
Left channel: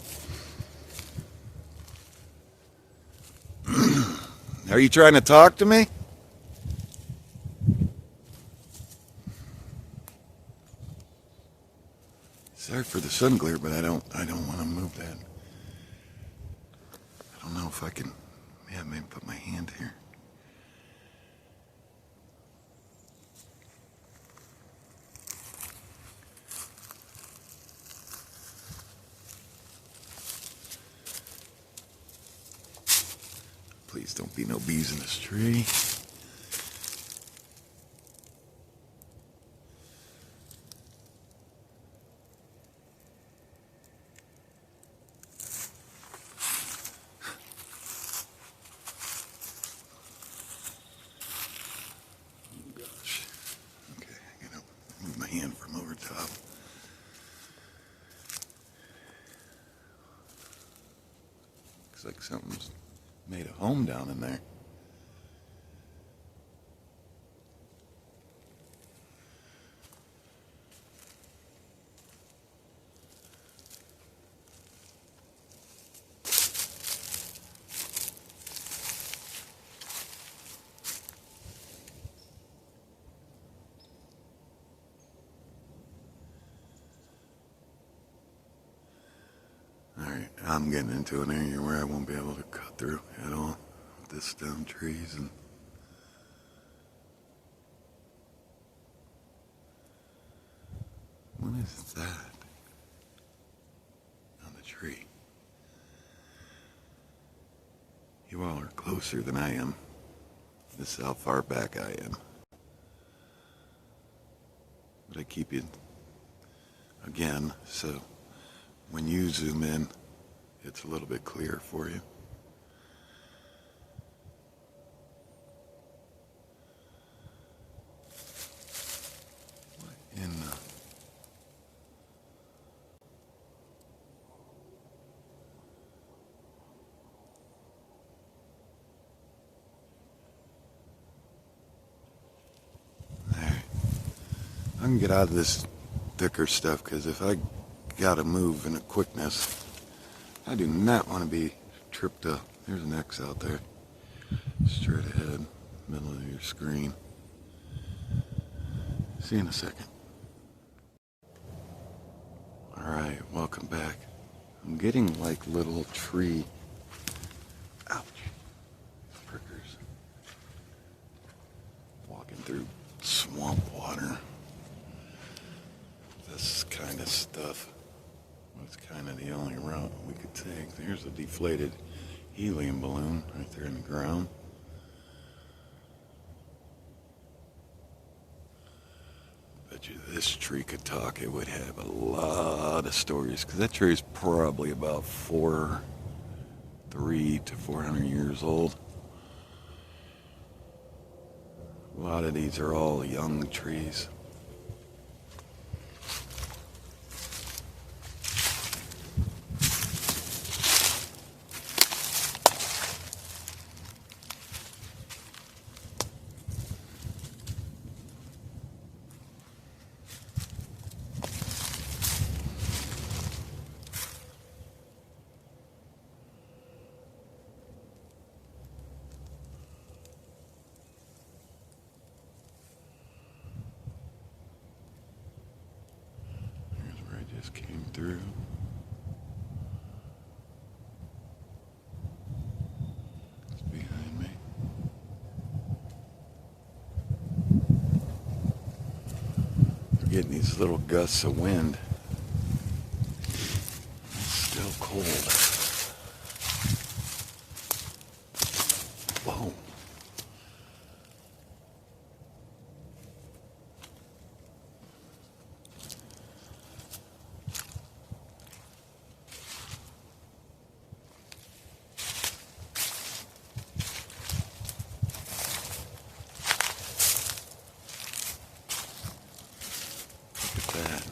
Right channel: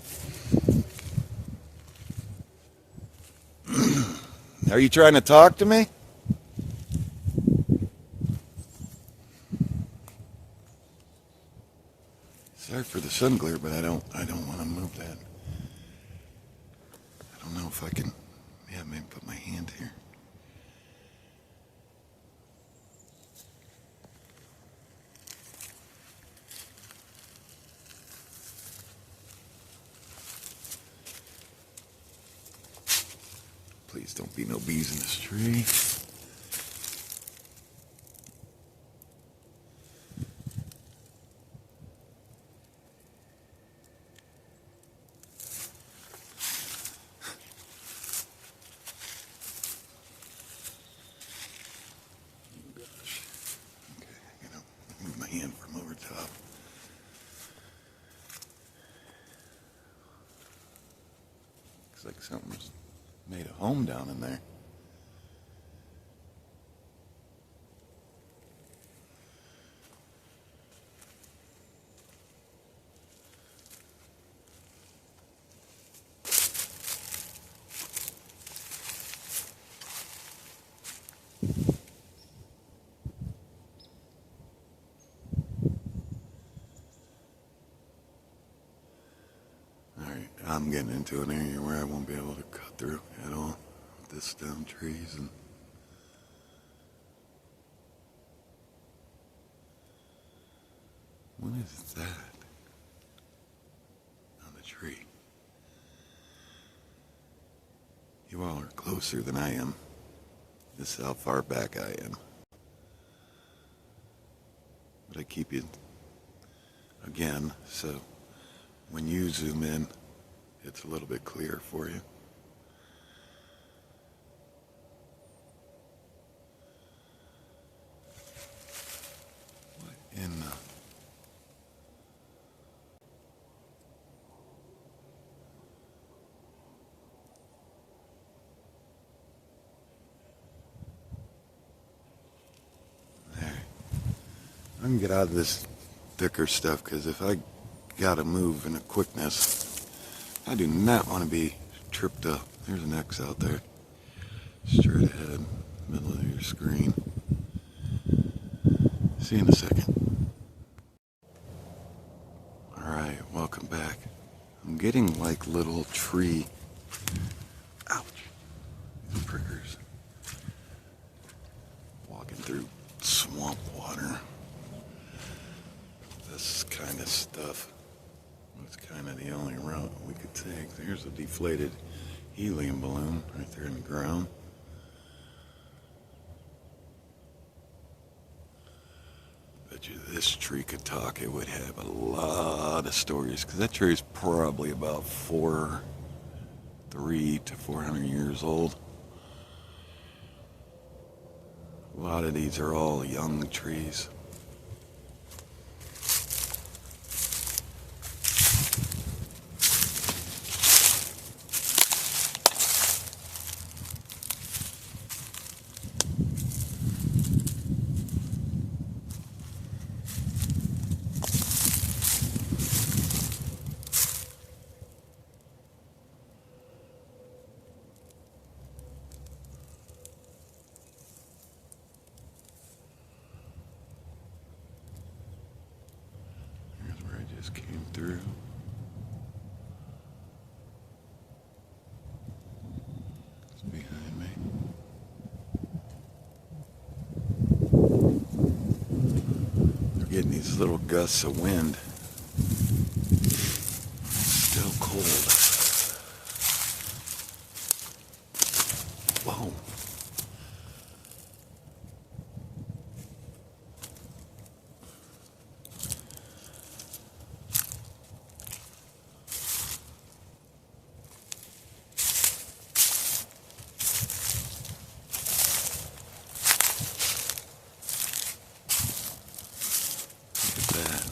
Are you trying to talk to me? Sorry for the sun glare, but I don't want to move that. I don't know if I can. Yeah, maybe put my hand here. Please don't be no bees in this tree. Gosh. Okay, I gotta move my hand from over top. Looks like something's made a home down in there. Alright, I'm getting into an area where I won't be able to cut through at all. This down trees and what is that on the tree? You all are closer than I am. This is how far back I am. But I keep you again, so when you zoom in, it's a little bit clearer for you. What in the... There. I can get out of this thicker stuff, because if I gotta move in a quickness, I do not want to be tripped up. There's an X out there. Straight ahead, middle of your screen. See you in a second. Alright, welcome back. I'm getting like little tree... Ouch! These prickers. swamp water. This kind of stuff was kind of the only route we could take. There's a deflated helium balloon right there in the ground. Bet you this tree could talk. It would have a lot of stories, because that tree is probably about 300 to 400 years old. A lot of these are all young trees. Just came through. It's behind me. They're getting these little gusts of wind. It's still cold. Whoa. That.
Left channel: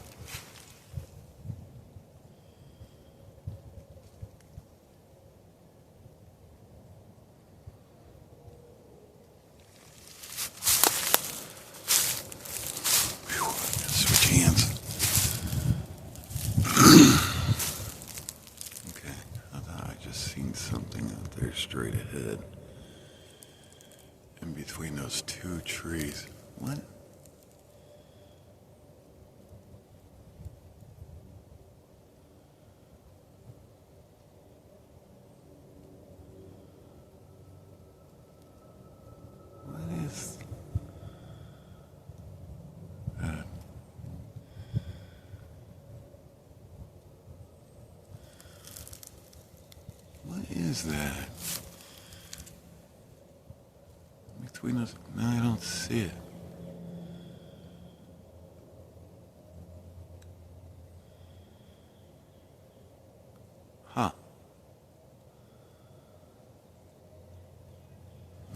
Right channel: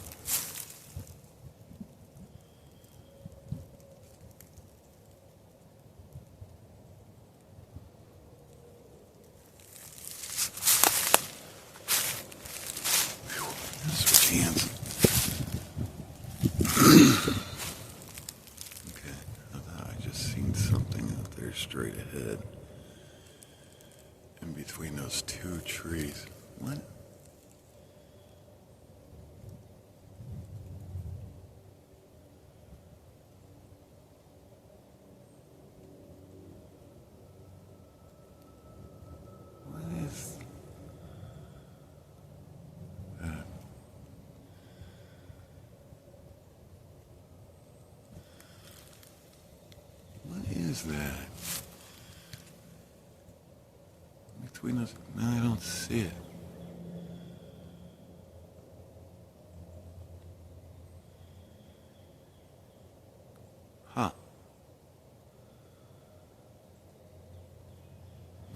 Switch hands. Okay, I thought I just seen something out there straight ahead. In between those two trees. What? What is that? Between us? No, I don't see it. Huh.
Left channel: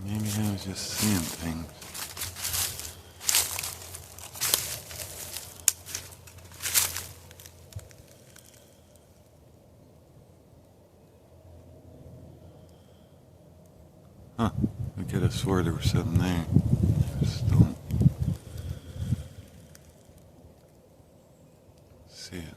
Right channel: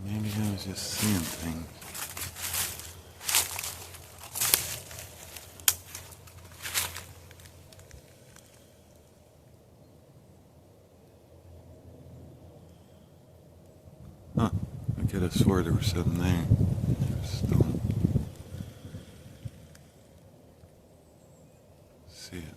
Maybe I was just seeing things. Huh. I could have swore there was something there. I just don't see it.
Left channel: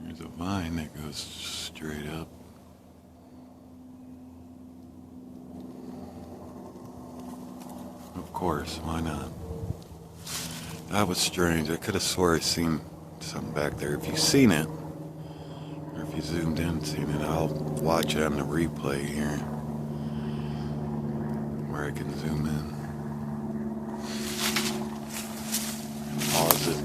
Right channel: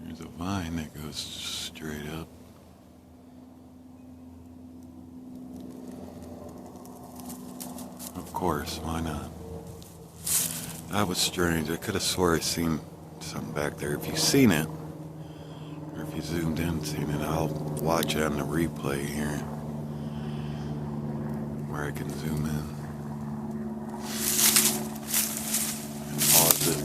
There's a vine that goes straight up. Of course, why not? That was strange. I could have swore I seen something back there. If you've seen it, or if you zoomed in and seen it, I'll watch it on the replay here, where I can zoom in and pause it.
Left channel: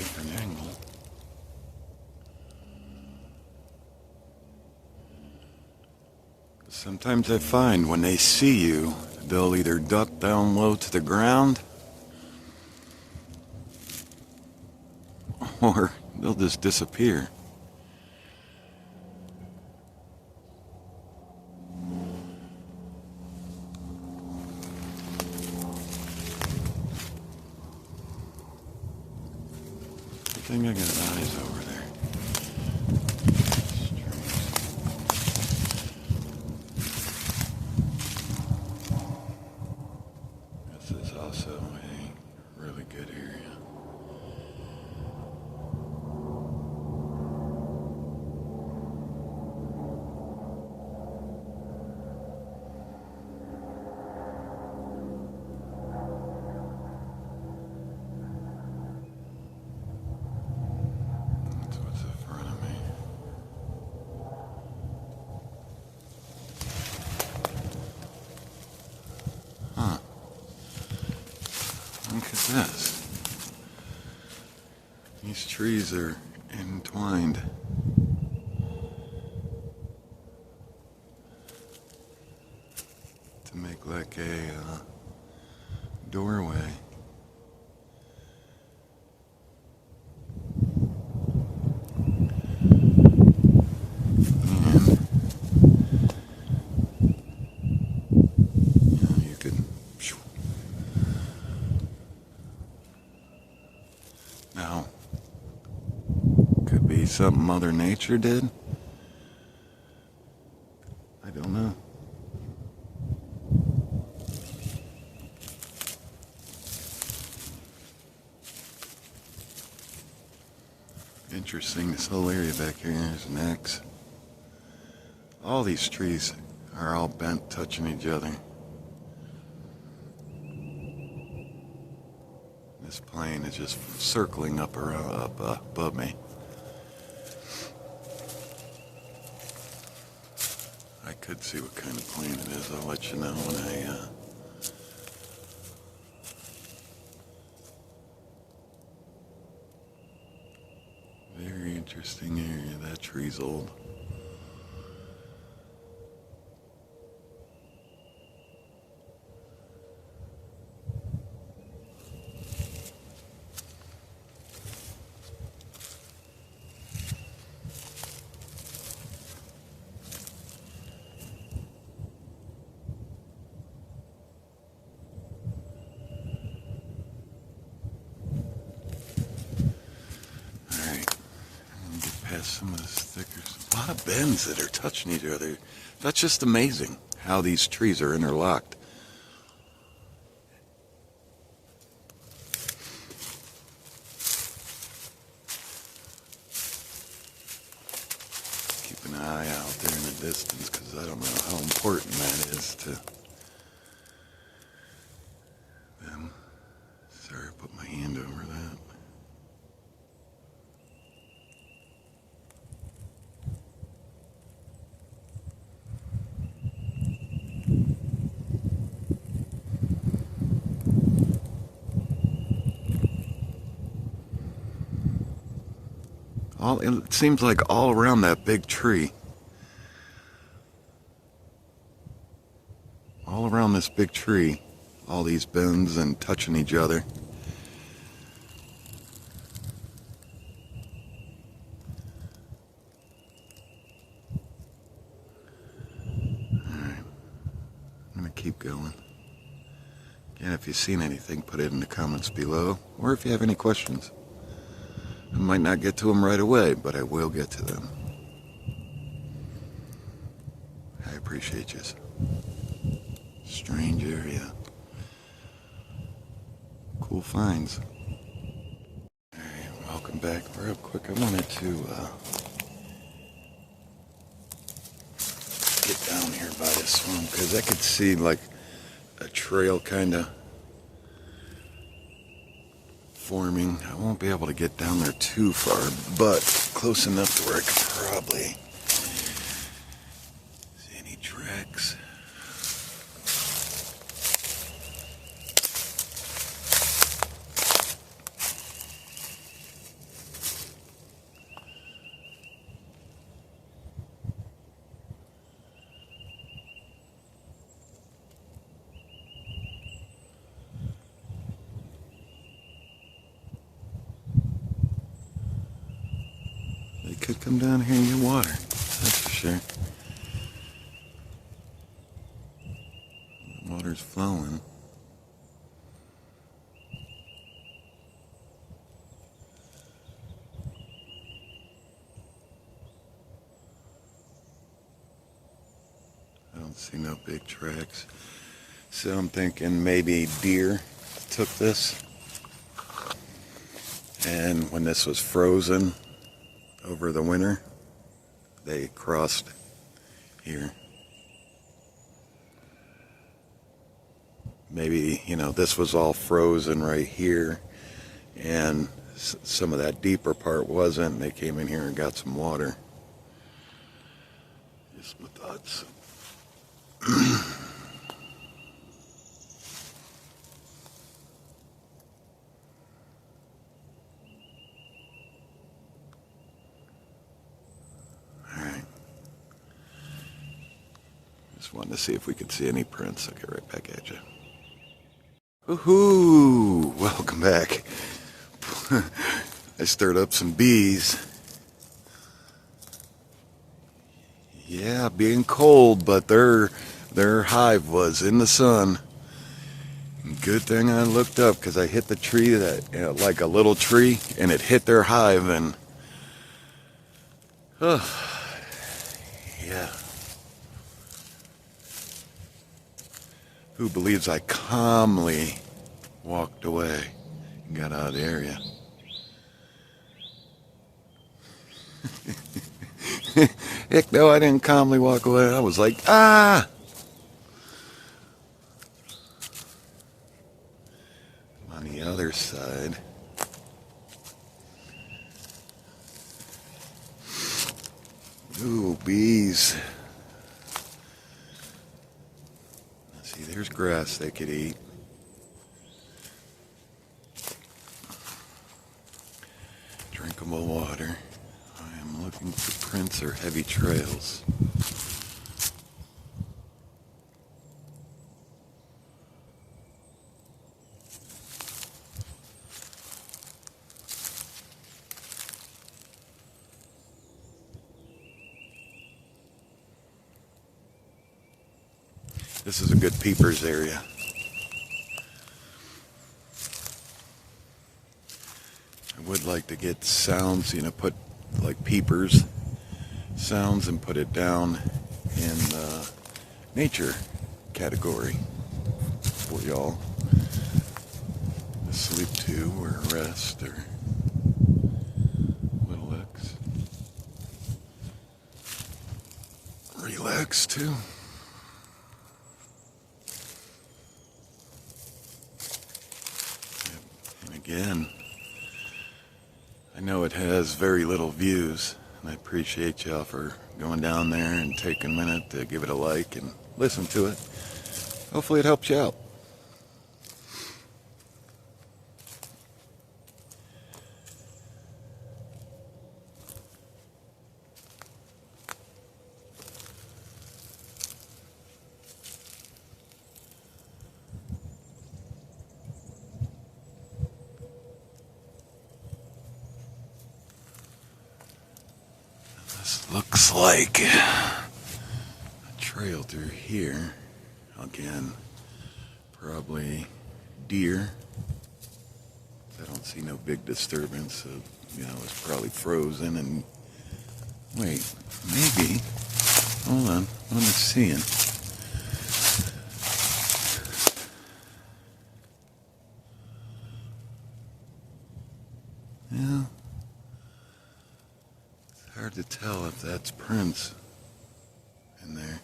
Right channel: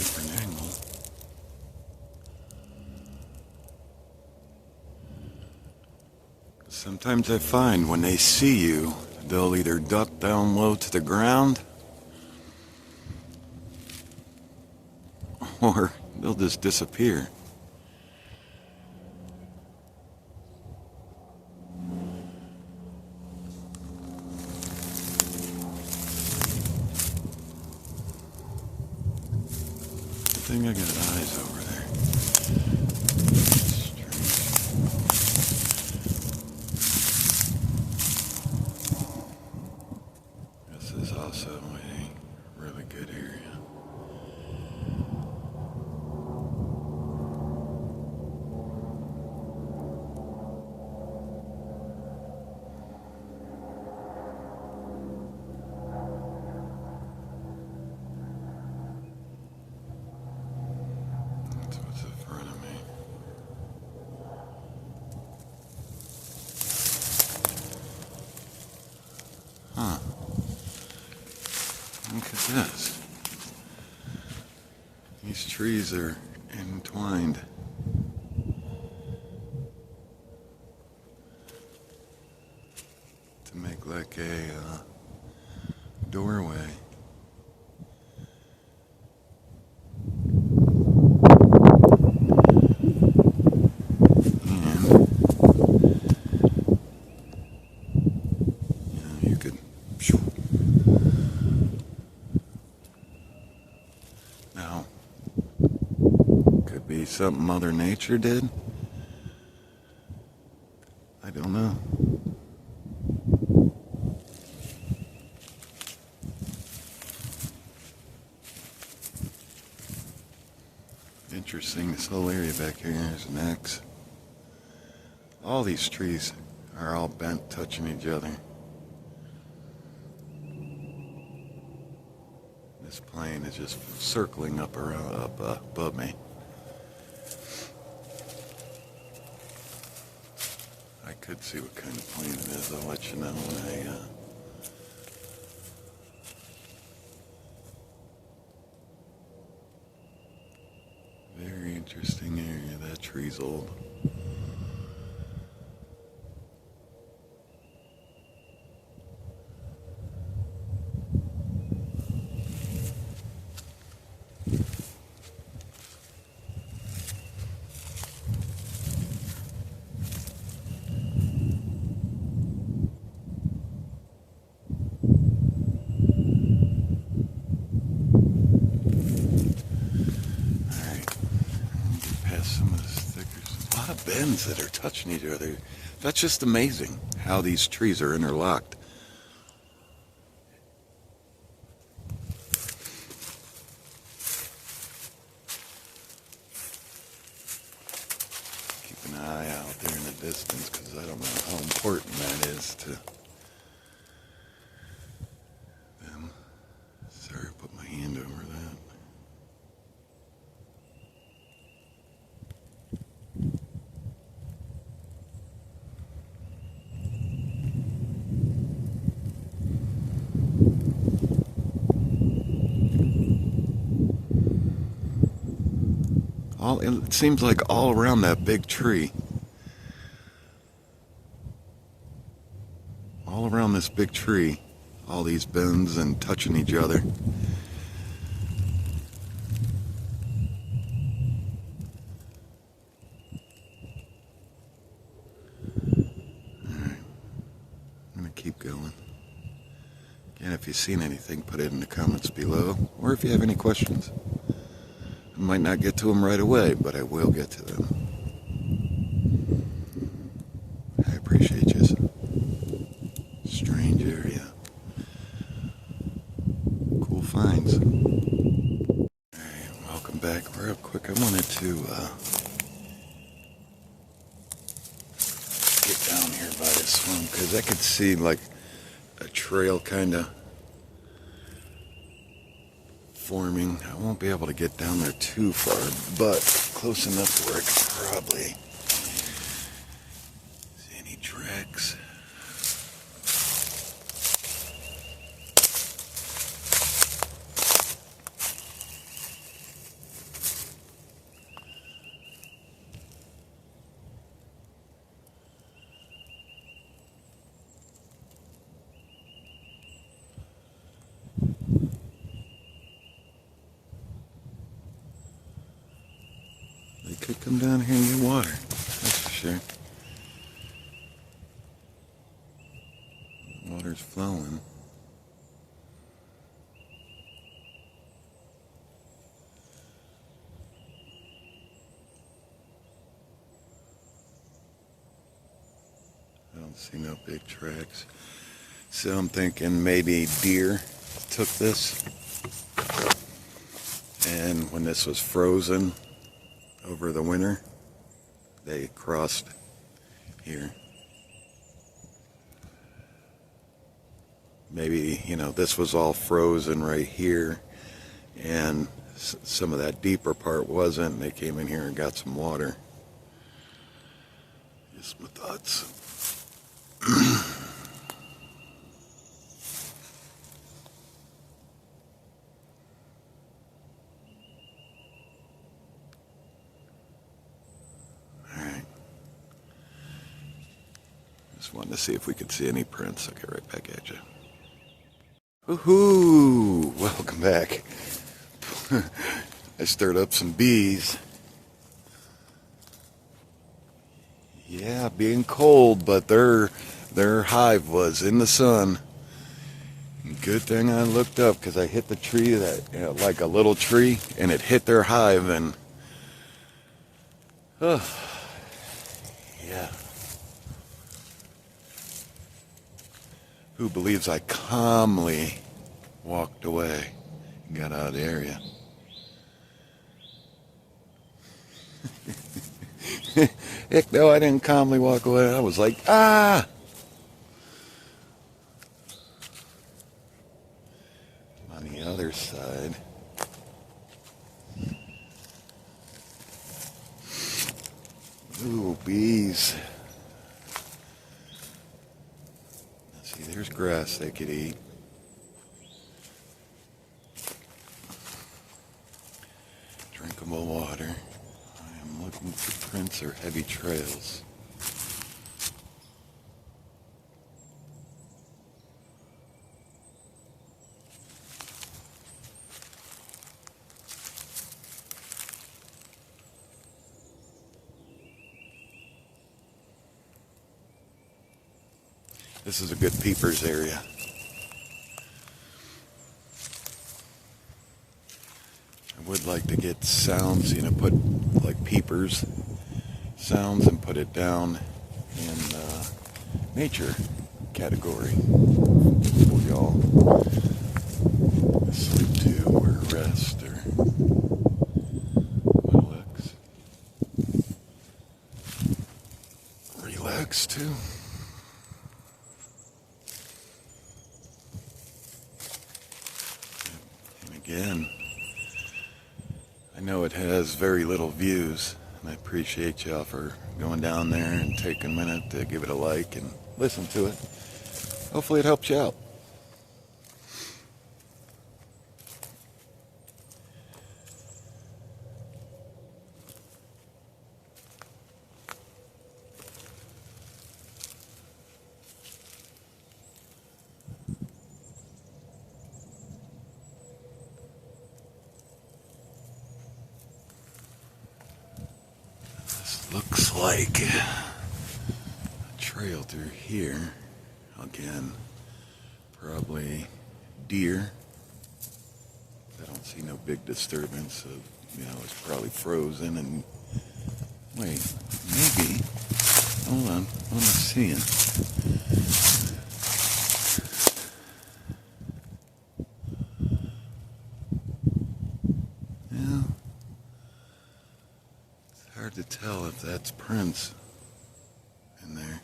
different angle. Sometimes I find when they see you, they'll either duck down low to the ground or they'll just disappear. I think I got eyes over there. This is also a really good area. Huh. Look at this. These trees are entwined. To make like a doorway. Now, could be something Mother Nature did. I don't know. Interesting, this whole area back here, there's an X. All these trees are all bent, touching each other. This plane is just circling up above me. I could see what kind of plane it is. I'll let you know when I very interesting area. That tree's old. Some of the stickers. A lot of bends that are touching each other. That's just amazing how these trees are interlocked. Keep an eye out there in the distance because I don't know how important that is to them. Sorry, I put my hand over that. It seems like all around that big tree. All around this big tree, all these bends and touching each other. Alright, I'm gonna keep going. Again, if you've seen anything, put it in the comments below, or if you have any questions. I might not get to them right away, but I will get to them. I appreciate you. Strange area. Cool finds. Alright, welcome back. Real quick, I wanted to get down here by the swamp because I could see like a trail kind of forming. I won't be able to get down there too far, but close enough to where I could probably see any tracks. could come down here and get water. That's for sure. The water's flowing. I don't see no big tracks. So I'm thinking maybe deer took this. And when this was frozen over the winter, they crossed here. Maybe, you know, this was all frozen right here, and some of that deeper part wasn't, and they came in here and got some water. Just my thoughts. Just wanted to see if we could see any prints. I'll get right back at you. Woohoo! Welcome back. I stirred up some bees. Yeah, being cold, but their hive was in the sun. Good thing I looked up, because I hit the tree that, you know, like a little tree, and it hit their hive, and yeah. Who believes I calmly walked away and got out of the area? Heck no, I didn't calmly walk away. I was like, ah! On the other side. Ooh, bees. See, there's grass they could eat. Drinkable water. I am looking for prints or heavy trails. This is a good peepers area. I would like to get sounds, you know, put like peepers sounds and put it down in nature category for y'all to sleep to or rest or relax to. Again, I know it has very little views, and I appreciate y'all for going down there and taking a minute to give it a like and listen to it. Hopefully it helps you out. Looks like a trail through here. Again, probably deer. I don't see no big disturbance. So, you know, it's probably frozen and... Wait, maybe... Hold on, what am I seeing? Yeah. Hard to tell if that's prints in there.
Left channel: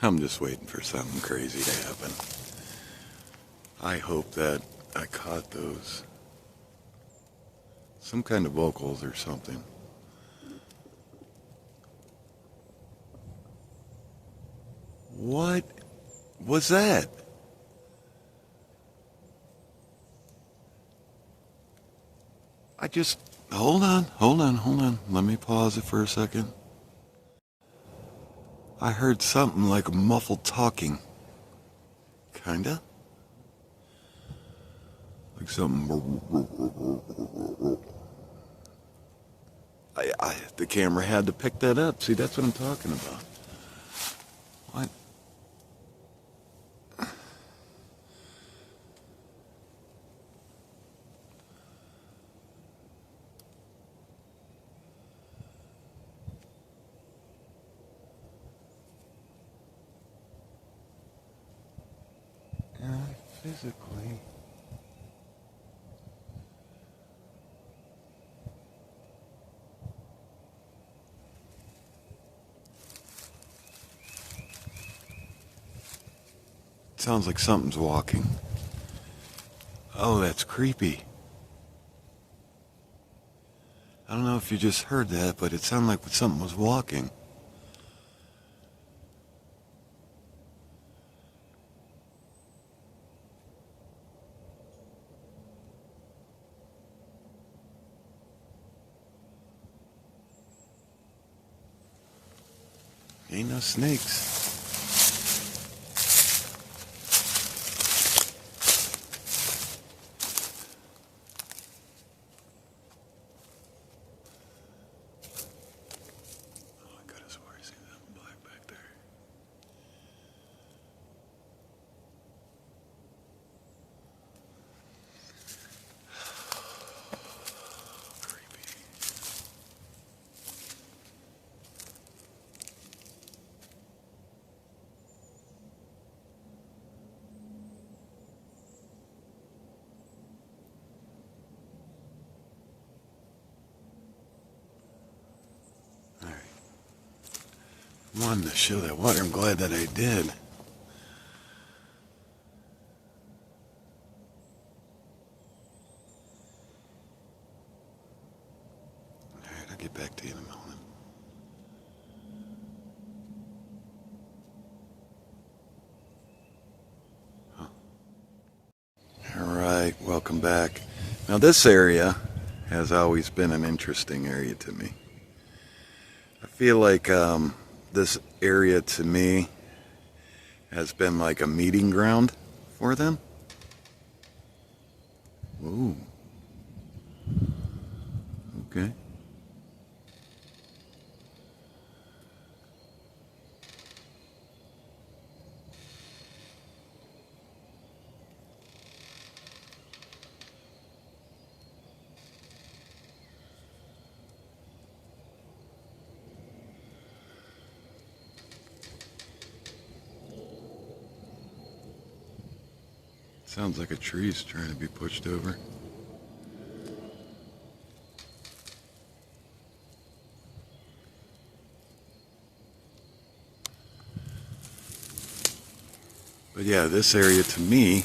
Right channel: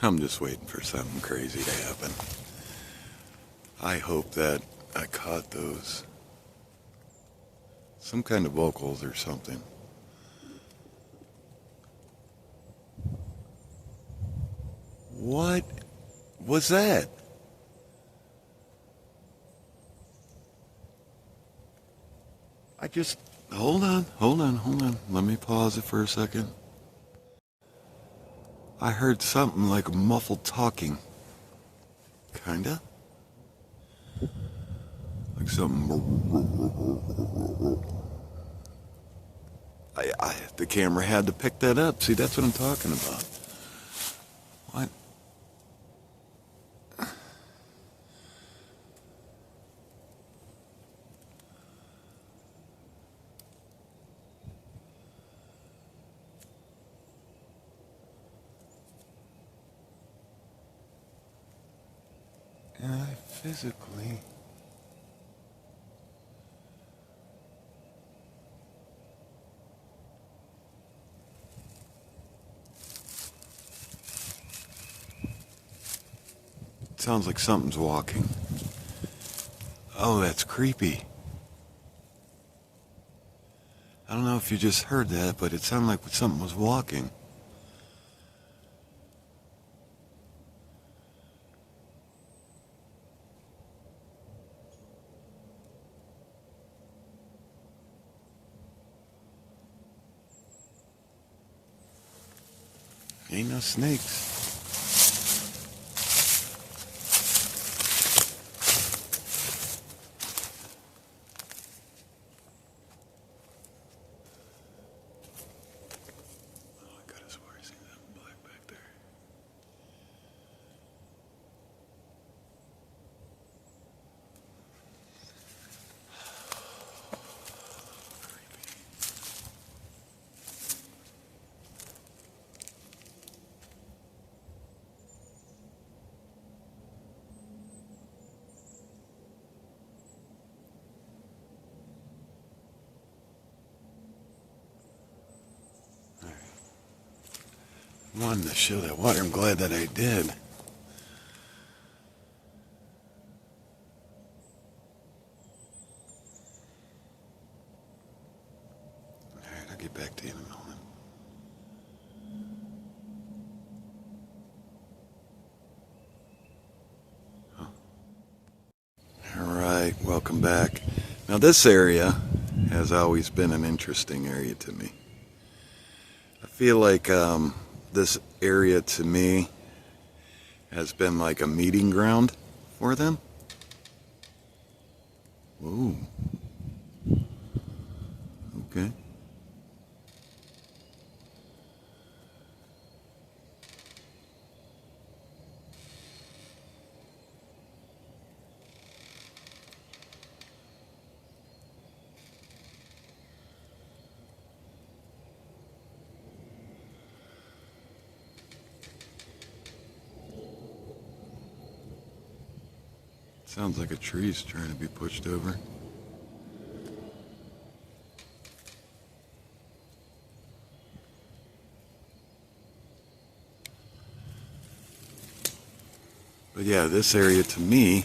I'm just waiting for something crazy to happen. I hope that I caught those. Some kind of vocals or something. What was that? I just, hold on. Let me pause it for a second. I heard something like a muffled talking. Kinda. Like something. The camera had to pick that up. See, that's what I'm talking about. What? Physically. Sounds like something's walking. Oh, that's creepy. I don't know if you just heard that, but it sounded like something was walking. Ain't no snakes. I wanted to show that water. I'm glad that I did. Alright, I'll get back to you in a moment. Alright, welcome back. Now this area has always been an interesting area to me. I feel like this area to me has been like a meeting ground for them. Whoa. Okay. Sounds like a tree's trying to be pushed over. But yeah, this area to me,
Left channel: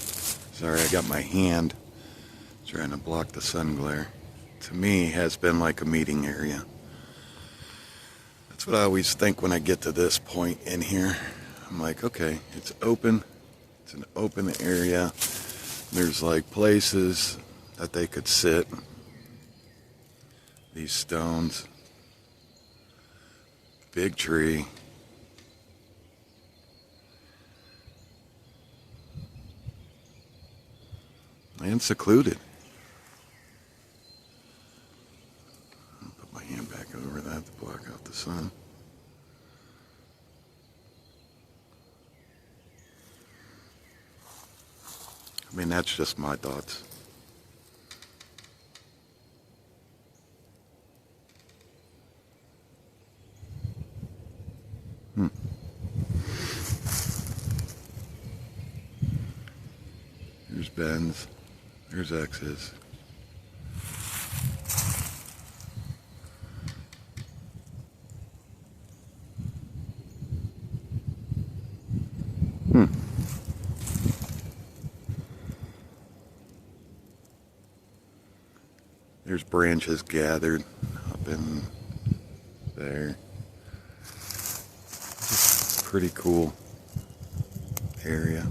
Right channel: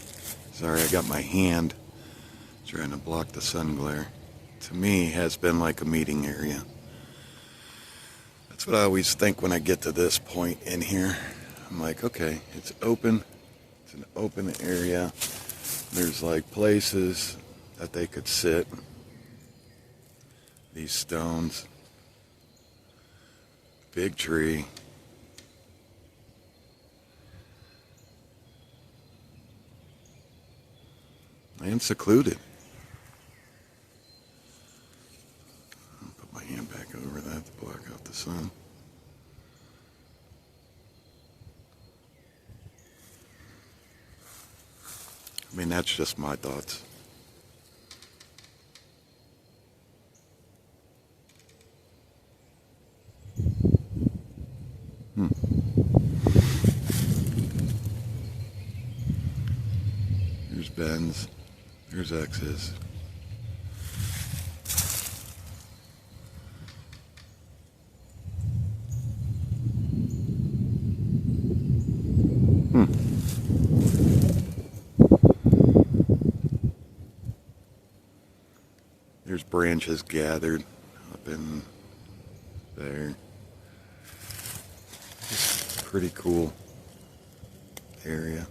sorry, I got my hand trying to block the sun glare, to me has been like a meeting area. That's what I always think when I get to this point in here. I'm like, okay, it's open. It's an open area. There's like places that they could sit. These stones. Big tree. And secluded. I'll put my hand back over that to block out the sun. I mean, that's just my thoughts. There's Ben's. There's X's. There's branches gathered up in there. Pretty cool area.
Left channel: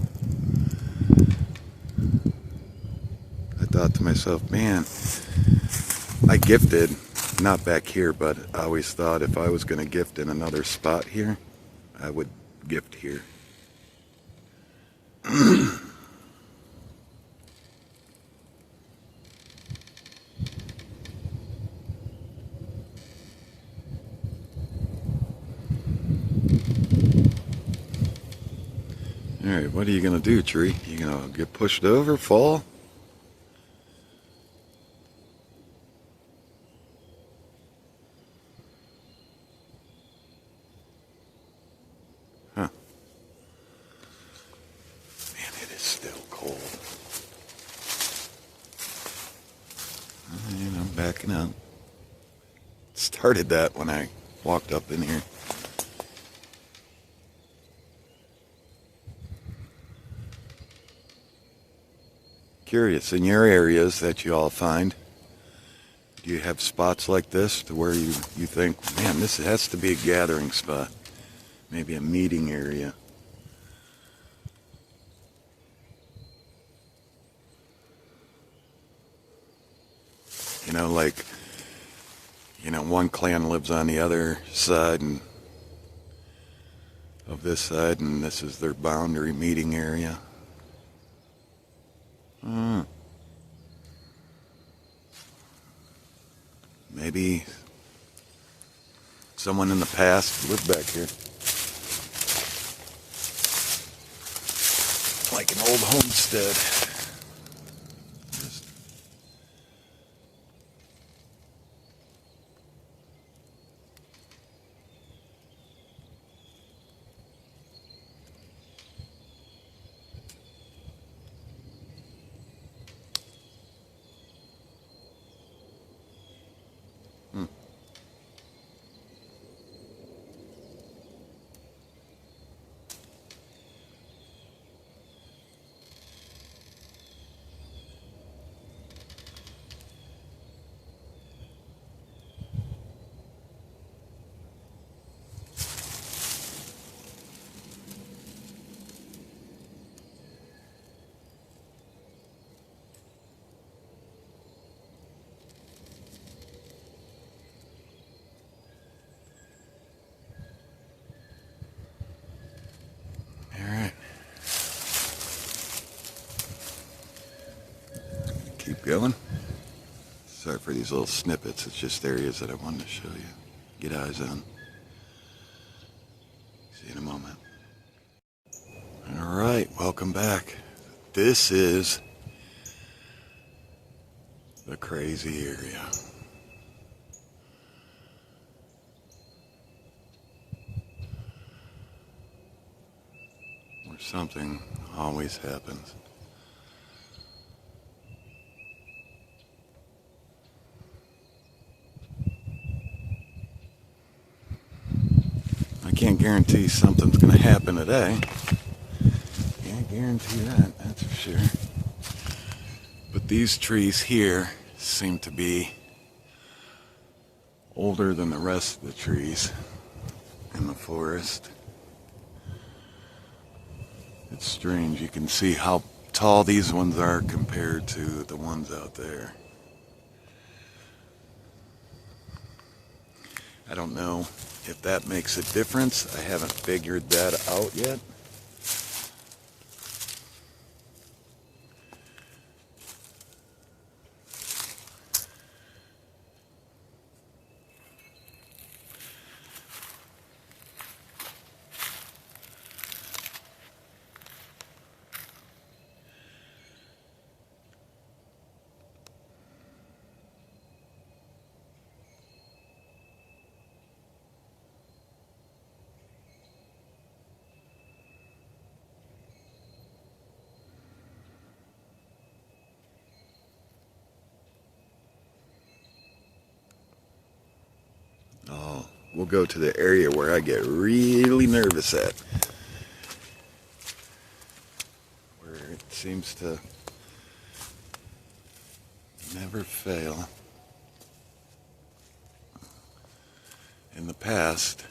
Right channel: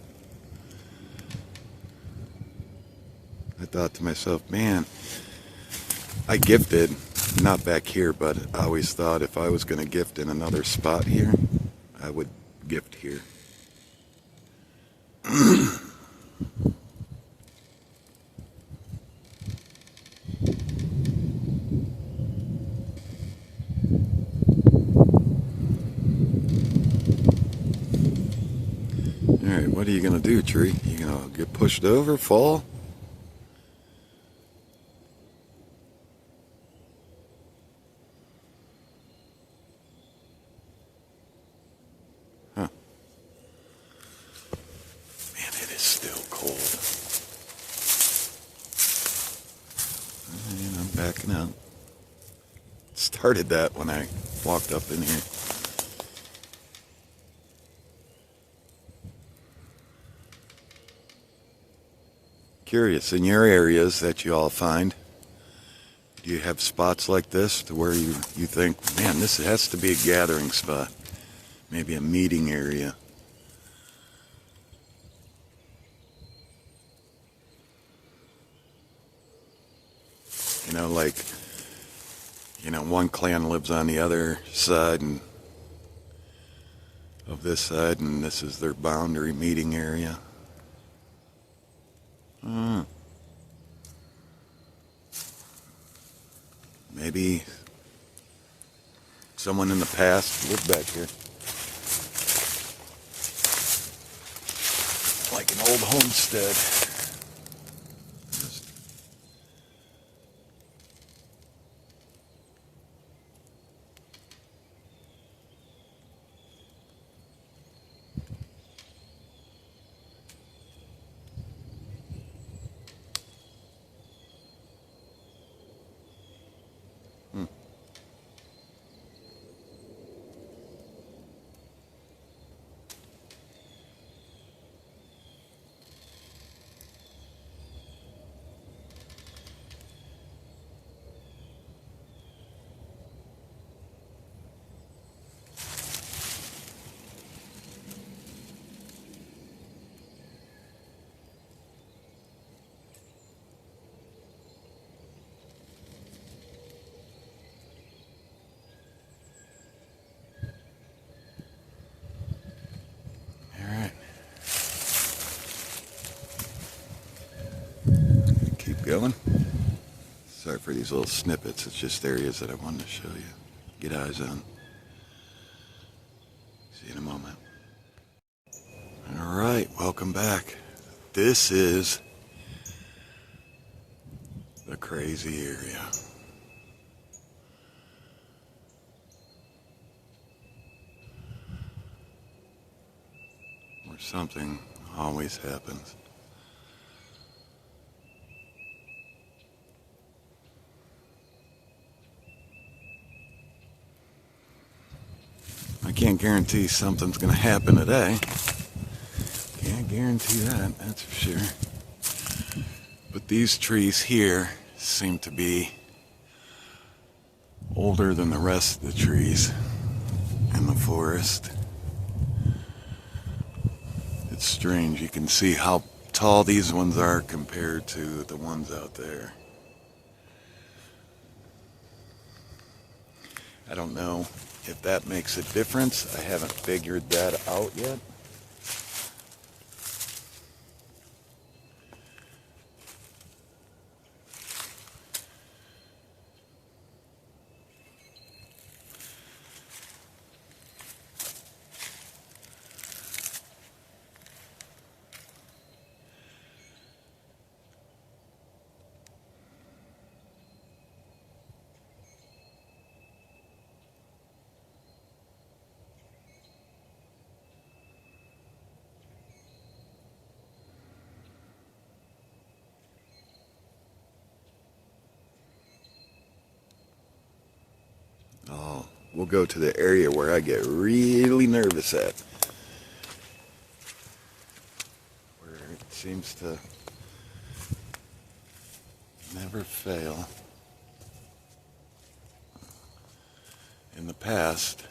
I thought to myself, man, I gifted, not back here, but I always thought if I was going to gift in another spot here, I would gift here. Alright, what are you going to do, tree? You going to get pushed over, fall? Huh. Man, it is still cold. Alright, I'm backing up. Started that when I walked up in here. Curious, in your areas that you all find, do you have spots like this to where you think, man, this has to be a gathering spot, maybe a meeting area? You know, like, you know, one clan lives on the other side and of this side, and this is their boundary meeting area. Maybe someone in the past lived back here. Like an old homestead. Keep going. Sorry for these little snippets. It's just areas that I wanted to show you. Get eyes on. See you in a moment. All right, welcome back. This is the crazy area. Where something always happens. I can't guarantee something's going to happen today. Can't guarantee that, that's for sure. But these trees here seem to be older than the rest of the trees in the forest. It's strange. You can see how tall these ones are compared to the ones out there. I don't know if that makes a difference. I haven't figured that out yet. Oh, we'll go to the area where I get really nervous at. Where it seems to never fail. In the past,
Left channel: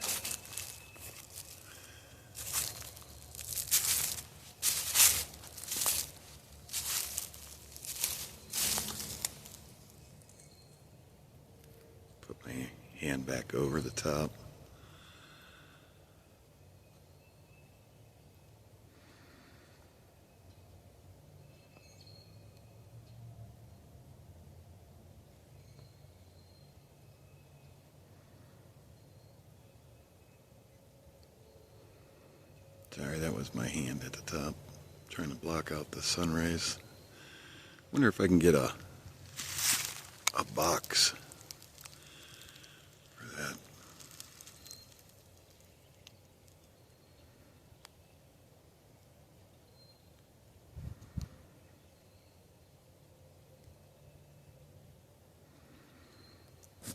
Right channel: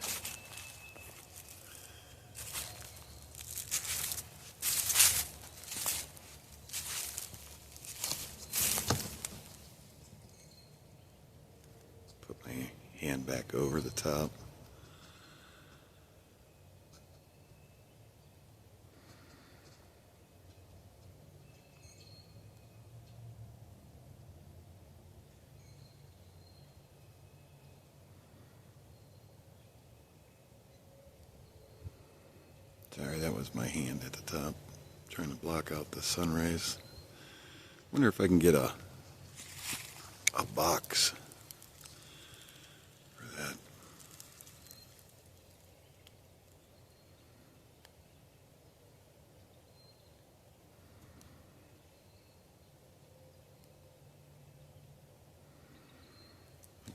hand back over the top. Sorry, that was my hand at the top, trying to block out the sun rays. Wonder if I can get a box for that.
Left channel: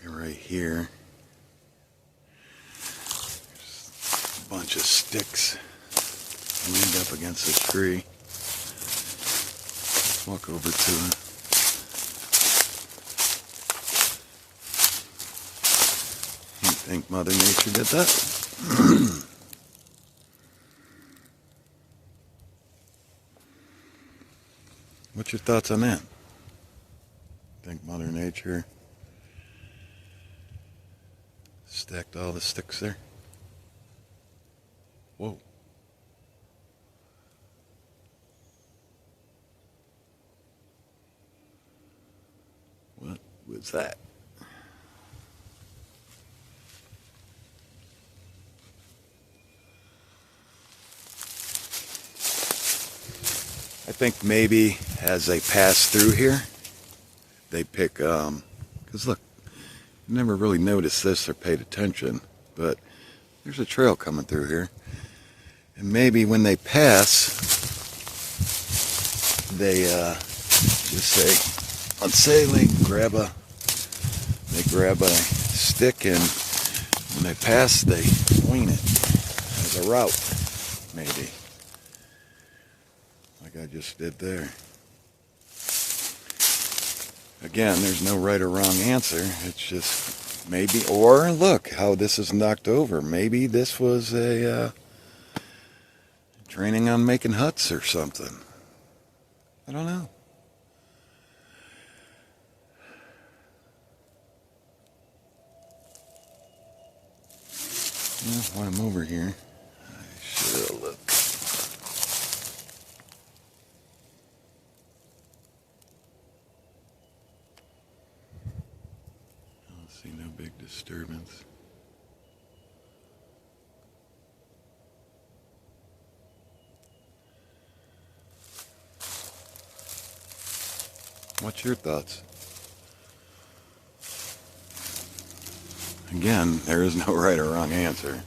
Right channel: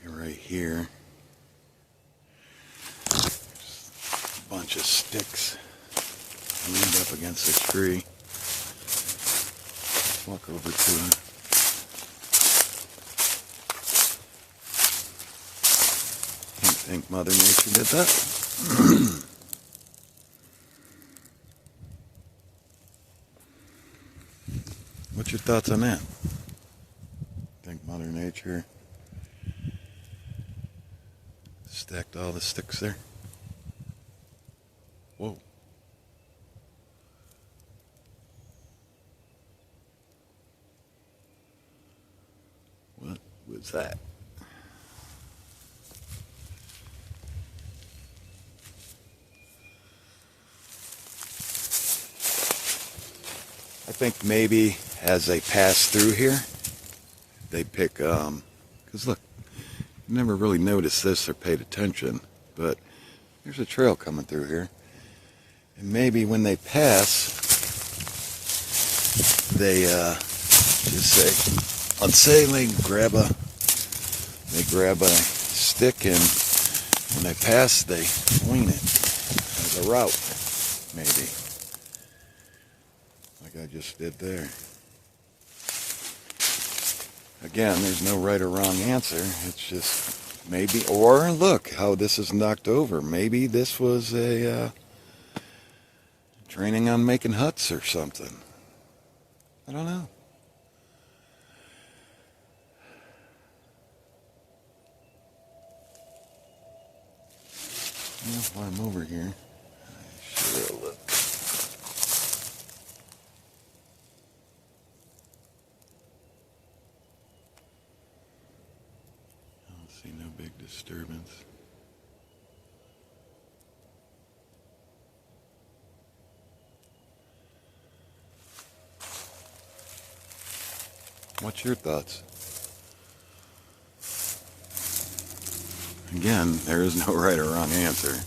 Right here, there's a bunch of sticks leaned up against a tree. Let's walk over to it. You think Mother Nature did that? What's your thoughts on that? Think Mother Nature stacked all the sticks there? Whoa. What was that? I think maybe as they pass through here, they pick, because look, you never really noticed this or paid attention, but there's a trail coming through here. And maybe when they pass, they just say, unsailing, they grab a stick, and when they pass, they wing it as a route, maybe. Like I just did there. Again, there's no right or wrong answer. It's just maybe, or look how this is knocked over. Maybe this was a training on making huts or something. I don't know. Well, while I'm over here, sure look. See no big disturbance. What's your thoughts? Again, there is no right or wrong answer.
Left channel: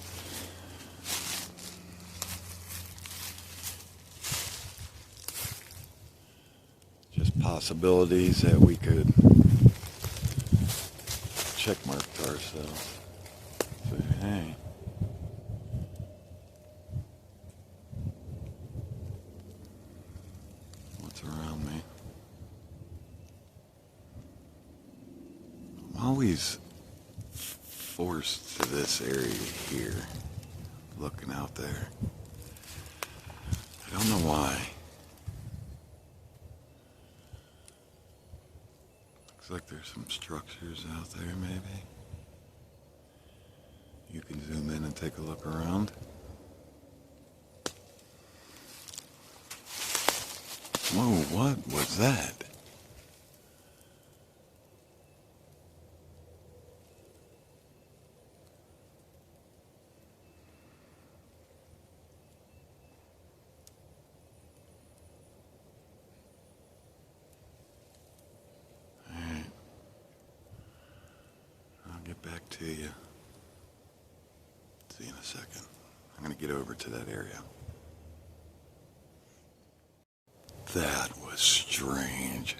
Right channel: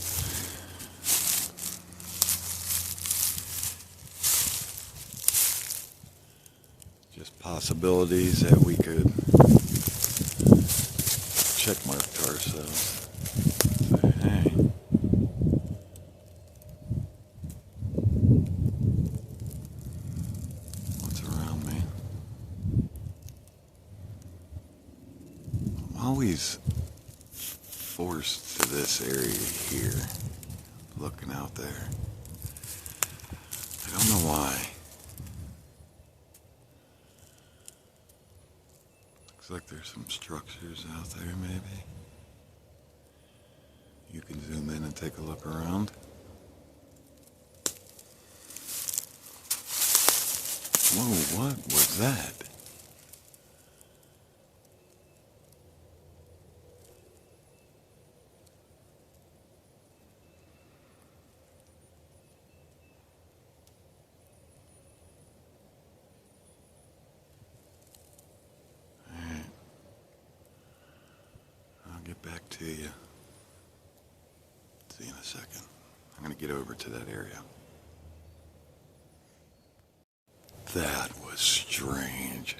Just possibilities that we could check mark to ourselves. Say, hey, what's around me? I'm always forced to this area here, looking out there. I don't know why. Looks like there's some structures out there, maybe. You can zoom in and take a look around. Whoa, what was that? Get back to you. See you in a second. I'm going to get over to that area. That was strange.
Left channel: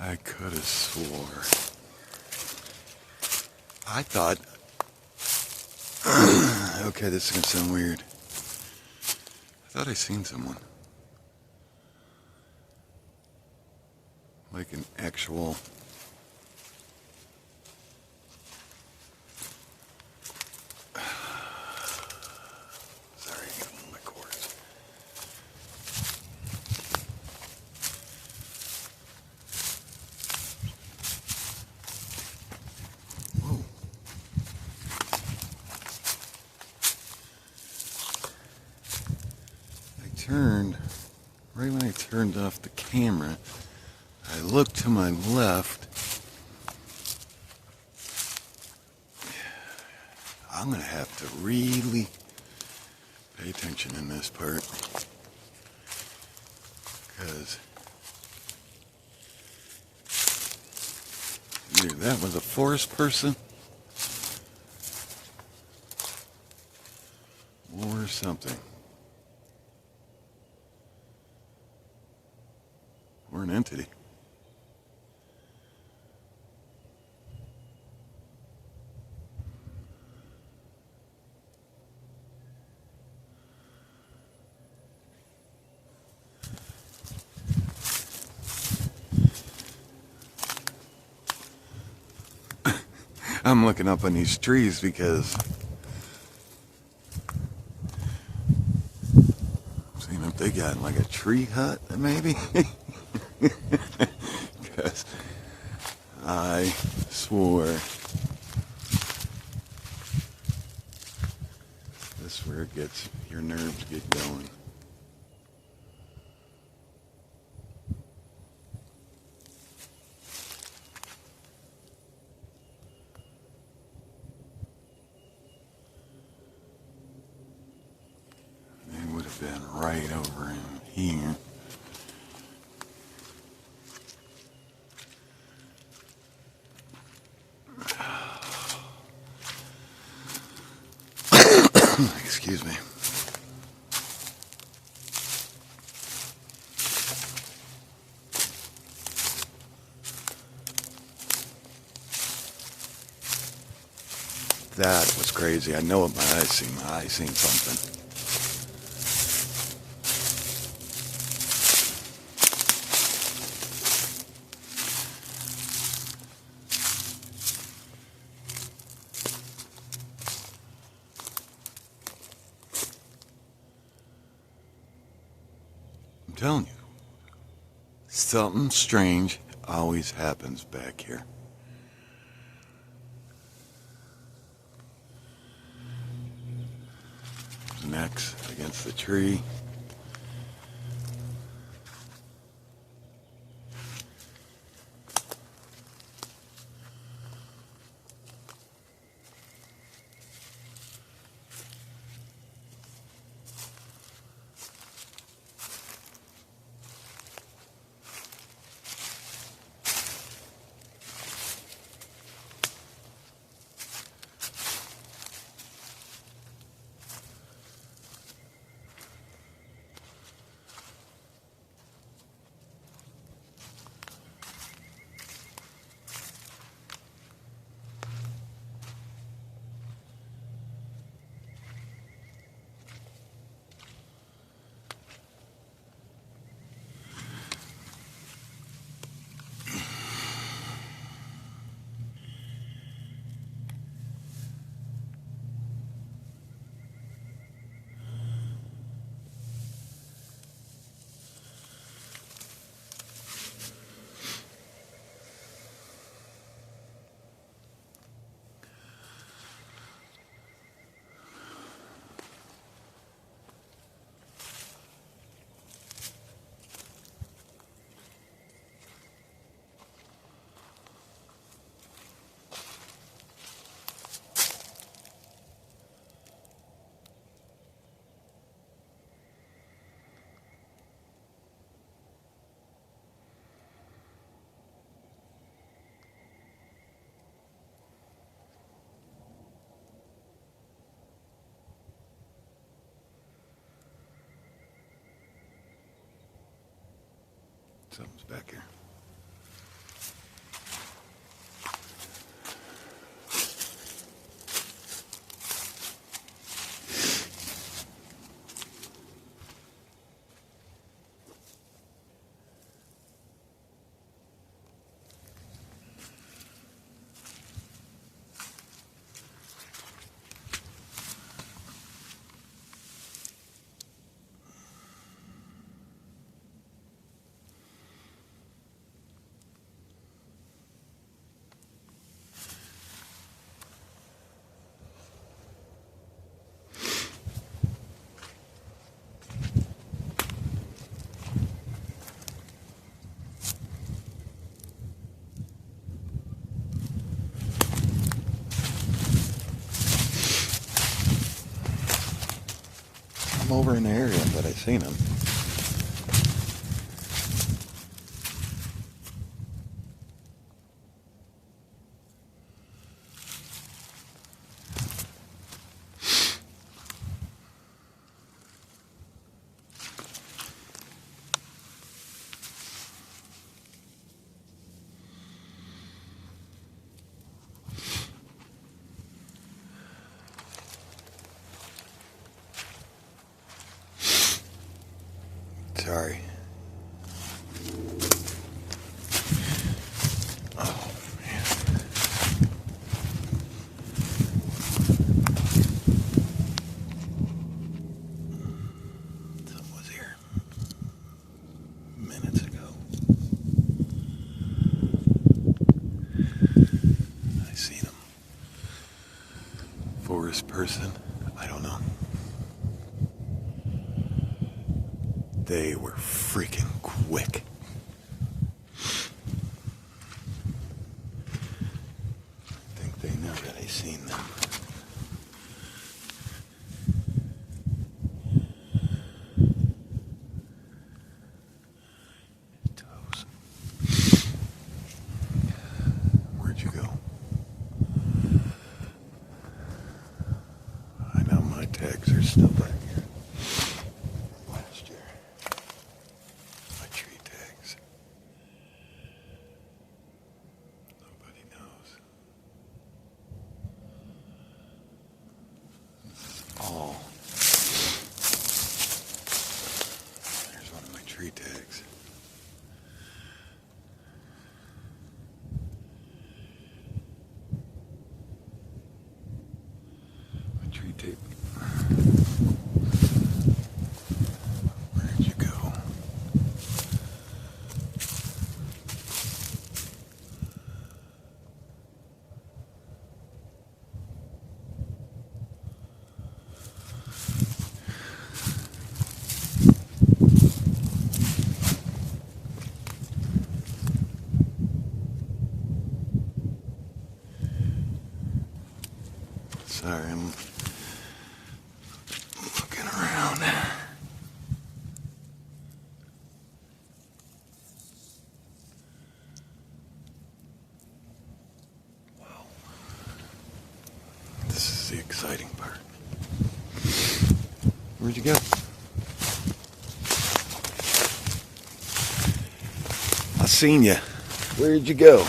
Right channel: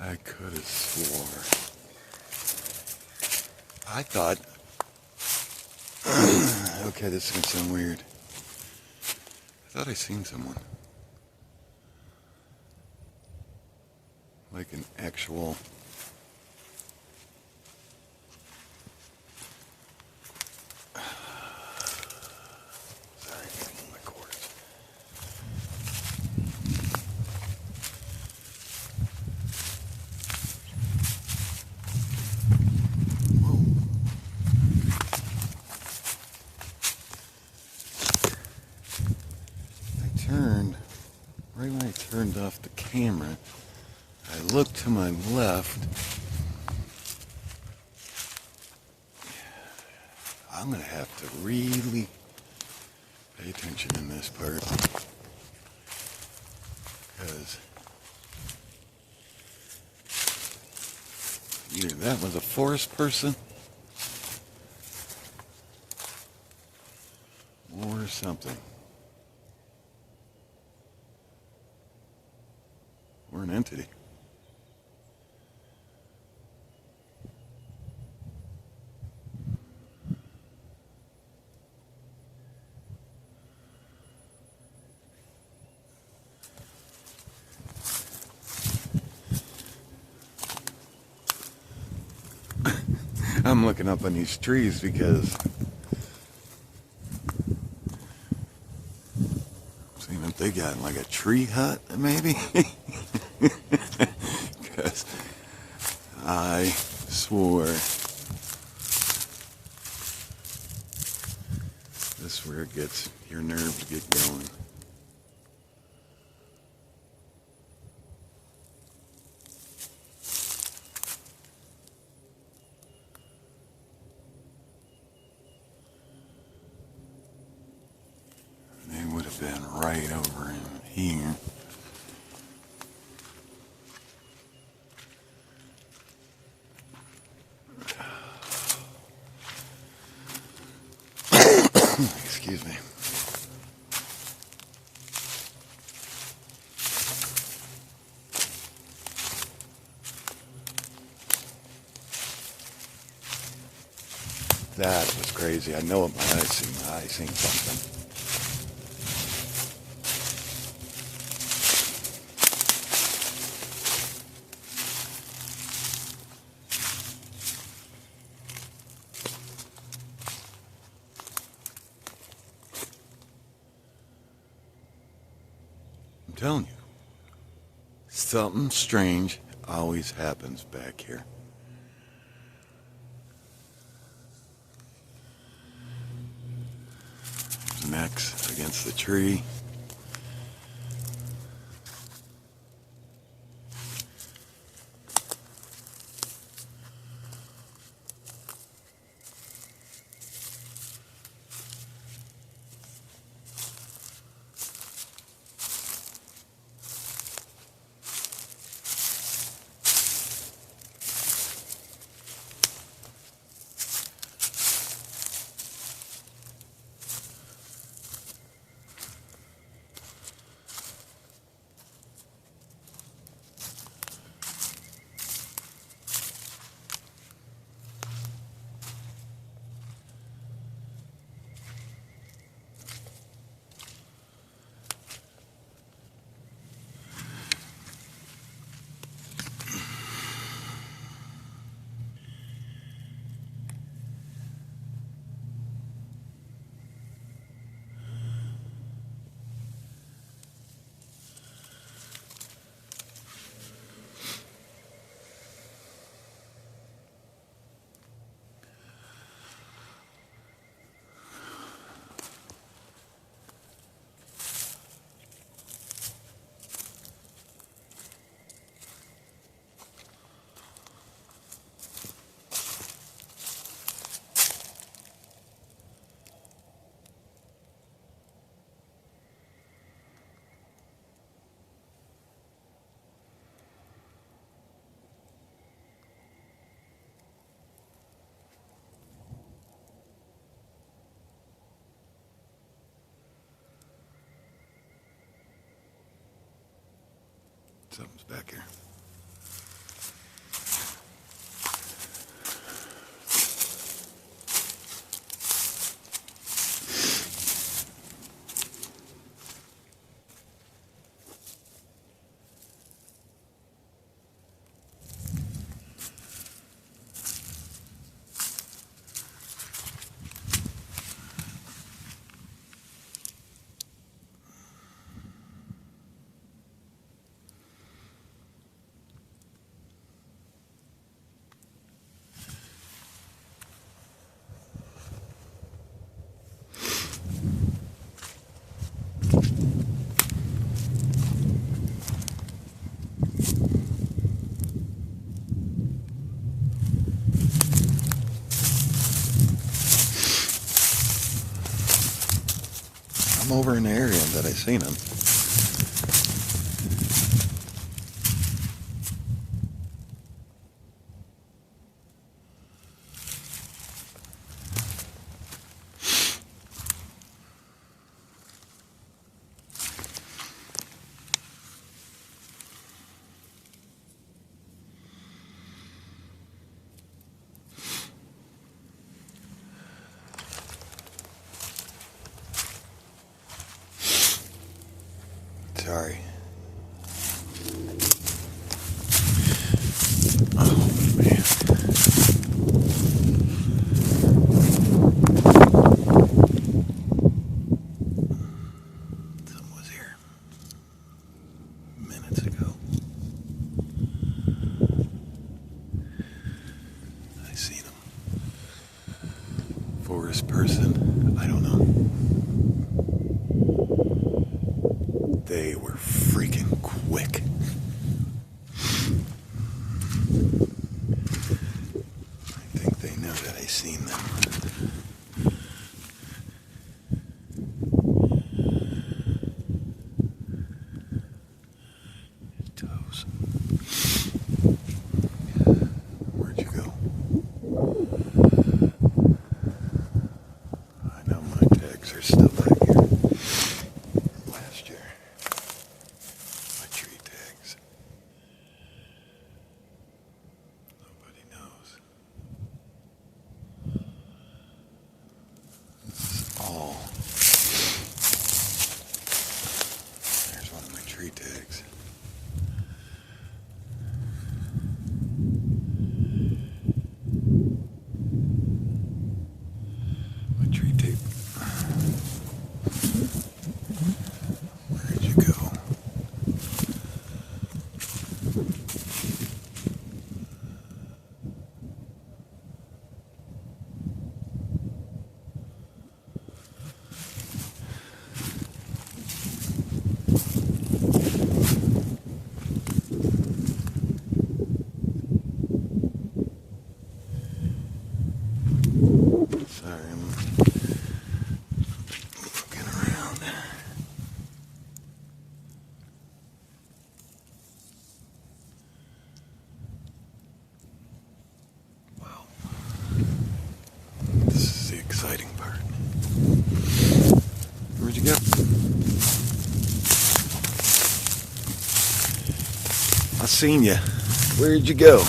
I could have swore. I thought, okay, this is going to sound weird. I thought I seen someone. Like an actual... Sorry, I gotta move my cords. right when I turned off the camera, I looked to my left. I'm going to have to really pay attention in this part, because either that was a forest person or something, or an entity. I'm looking up on these trees because I'm seeing if they got like a tree hut, maybe. Because I swore this is where it gets, your nerves get going. They would have been right over in here. Excuse me. That was crazy. I know what my eyes seen. My eyes seen something. I'm telling you, something strange always happens back here. Necks against the tree. Something's back here. I'm over in the area that I seen them. Sorry. Oh, man. Something was here minutes ago. I seen him. Forest person, I don't know. They were freaking quick. I think they know that I seen them. Toes. Where'd you go? I know my tags are still back here. Last year. My tree tags. Nobody knows. This is all. There's one of my tree tags. My tree tape. Where'd you go? Sorry, I'm looking around. Wow. This is the exciting part. Where'd you go? I seen you. Where'd you go?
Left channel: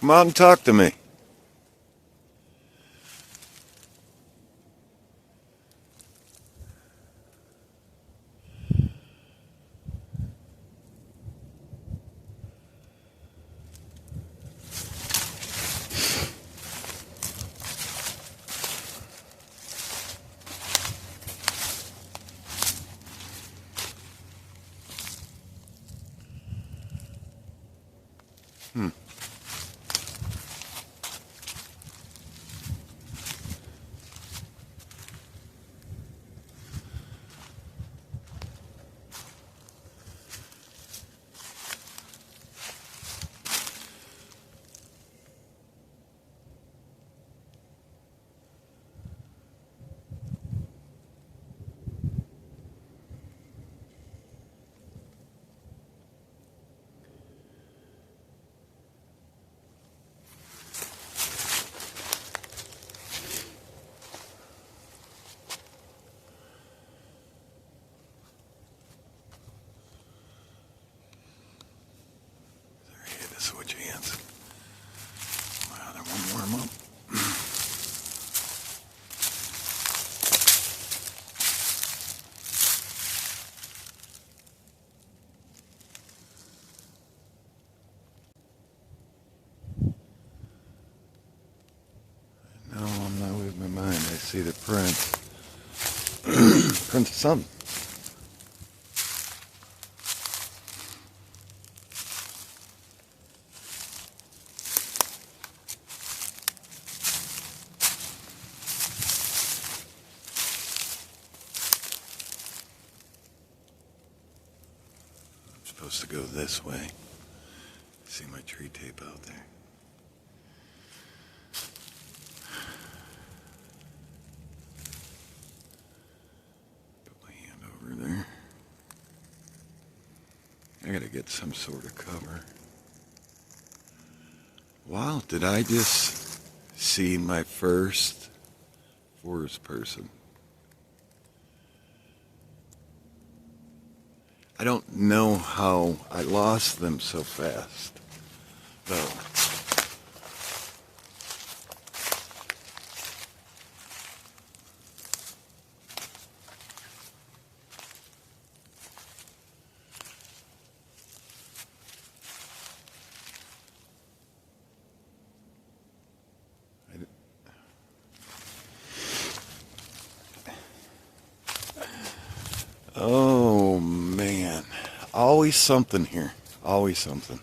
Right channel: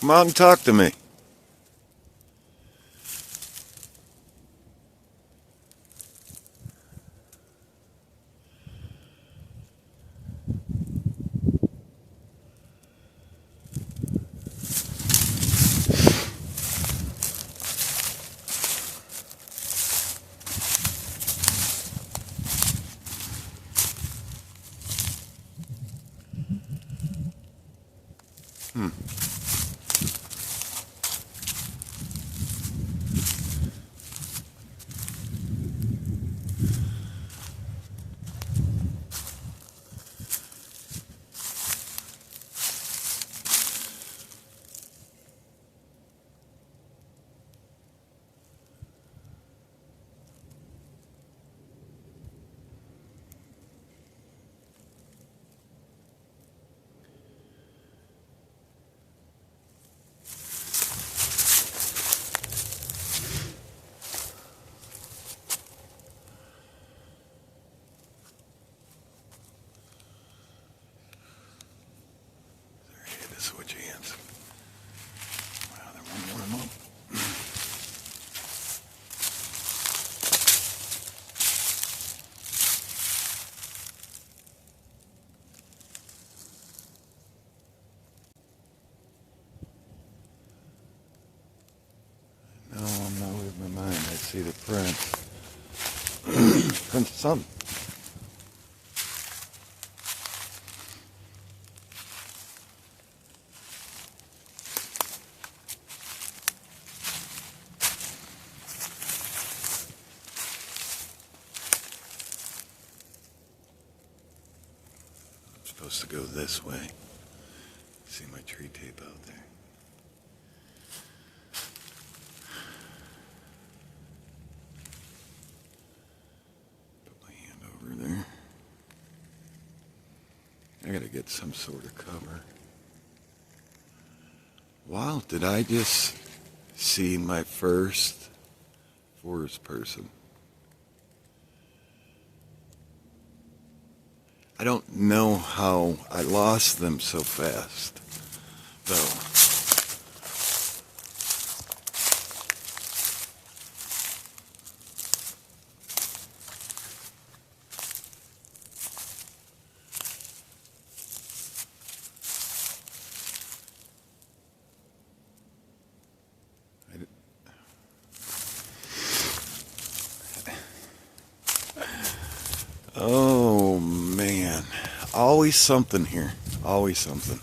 Come out and talk to me. Switch hands. My other one warm up. No, I'm not losing my mind. I see the prints. Prints of something. supposed to go this way. See my tree tape out there. Put my hand over there. I gotta get some sort of cover. Wow, did I just see my first forest person? I don't know how I lost them so fast, though. Oh man, always something here, always something.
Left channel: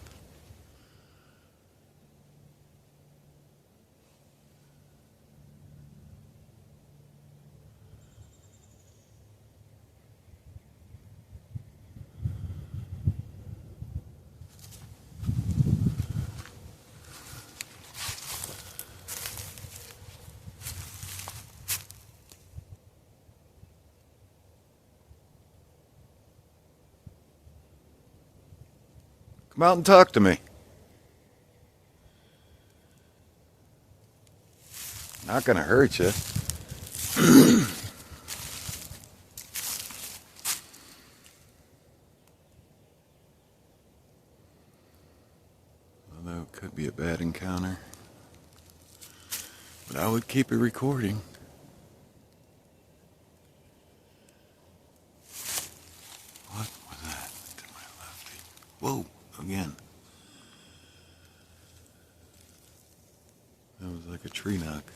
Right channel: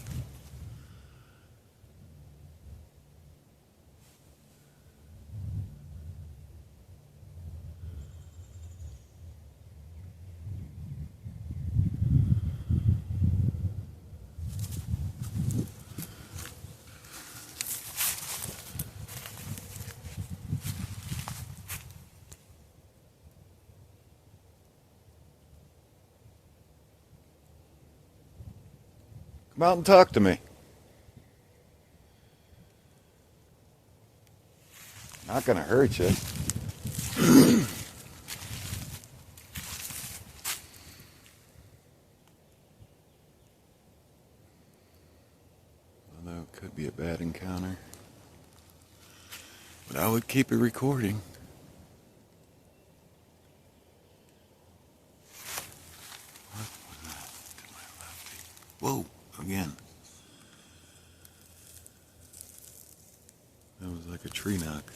Come out and talk to me. Not gonna hurt you. Although it could be a bad encounter. But I would keep it recording. What was that to my left? Whoa, again. That was like a tree knock.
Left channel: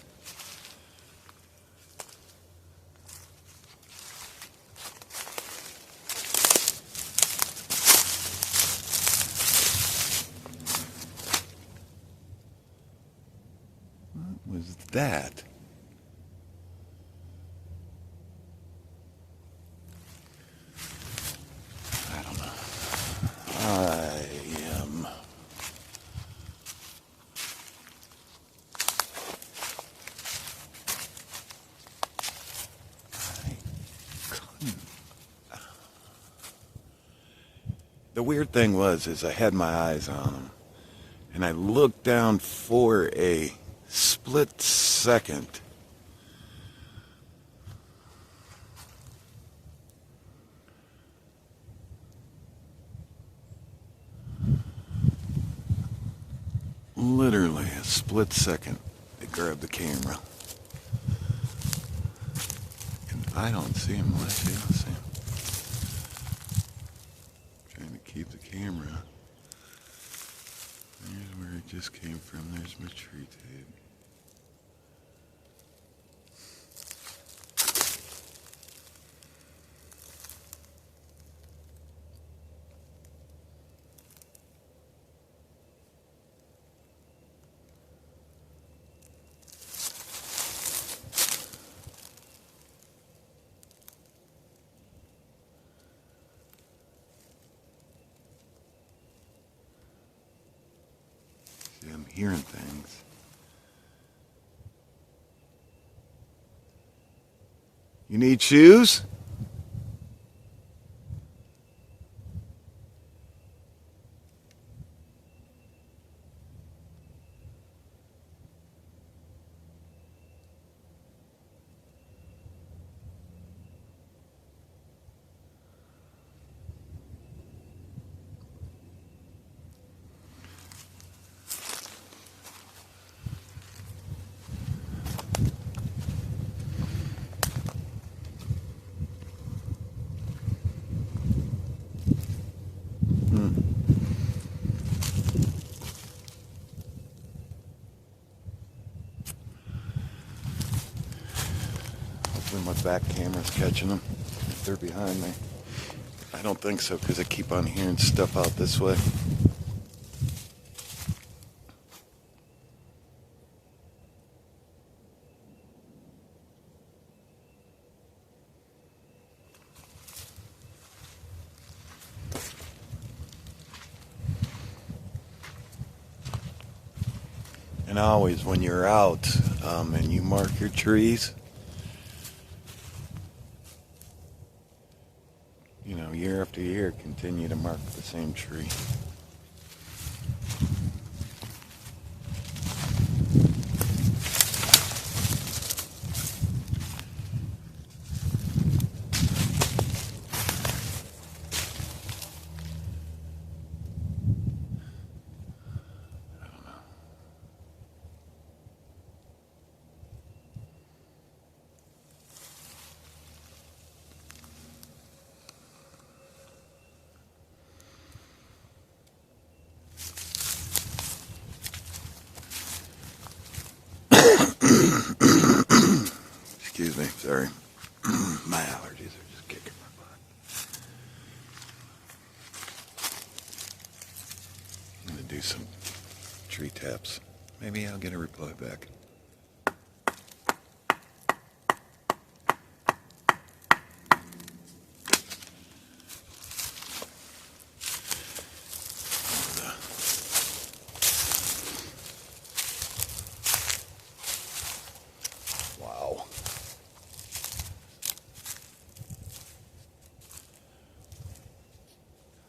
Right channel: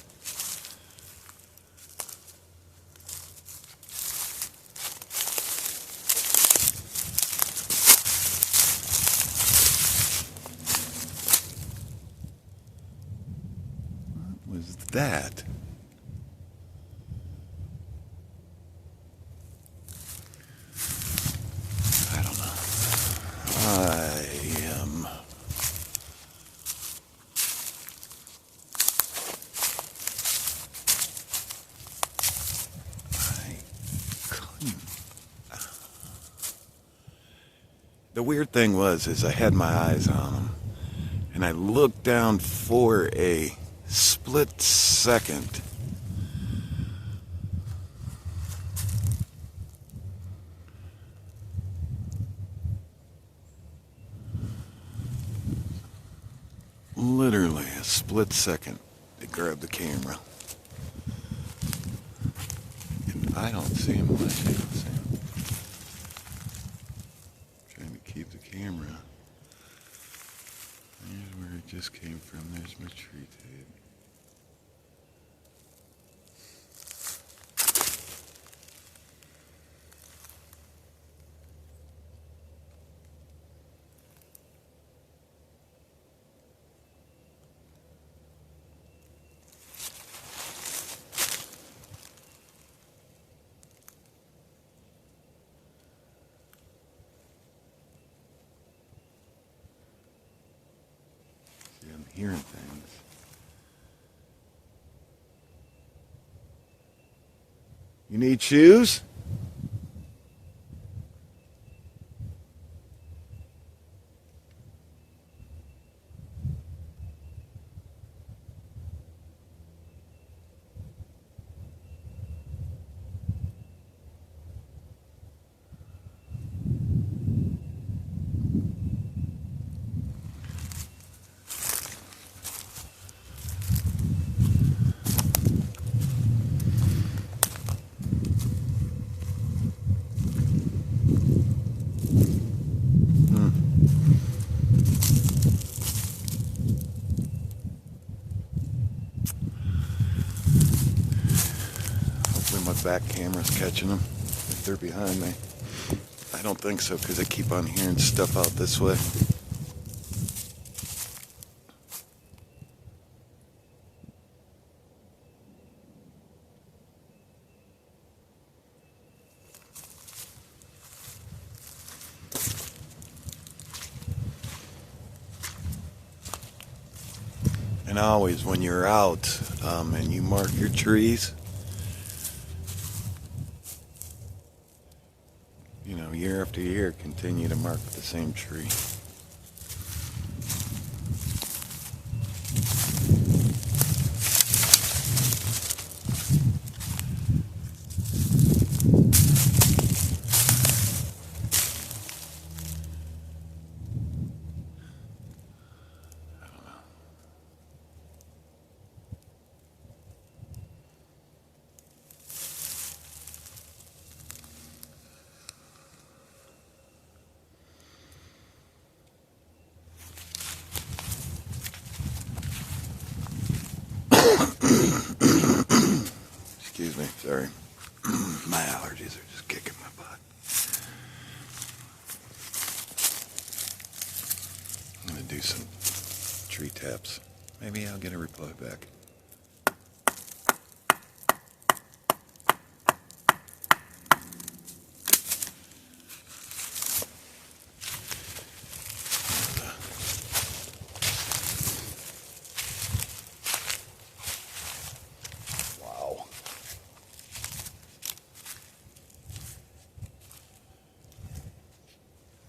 What was that? I don't know. I am... The weird thing is I had my eyes on him, and I looked down for a split second. Literally a split second, they grabbed the camera. And I don't see him. What I see him. Trying to keep the camera. There's where it just came from. There's my tree tape. I'm hearing things. You need shoes? Hopefully my back camera's catching them if they're behind me. I don't think so because I keep on hearing stuff out this way. And always when you're out and you mark your trees, you know, year after year, continue to mark the same tree. Excuse me, sorry. My allergies are just kicking my butt. I'm going to do some tree taps. Maybe I'll get a reply back. Wow.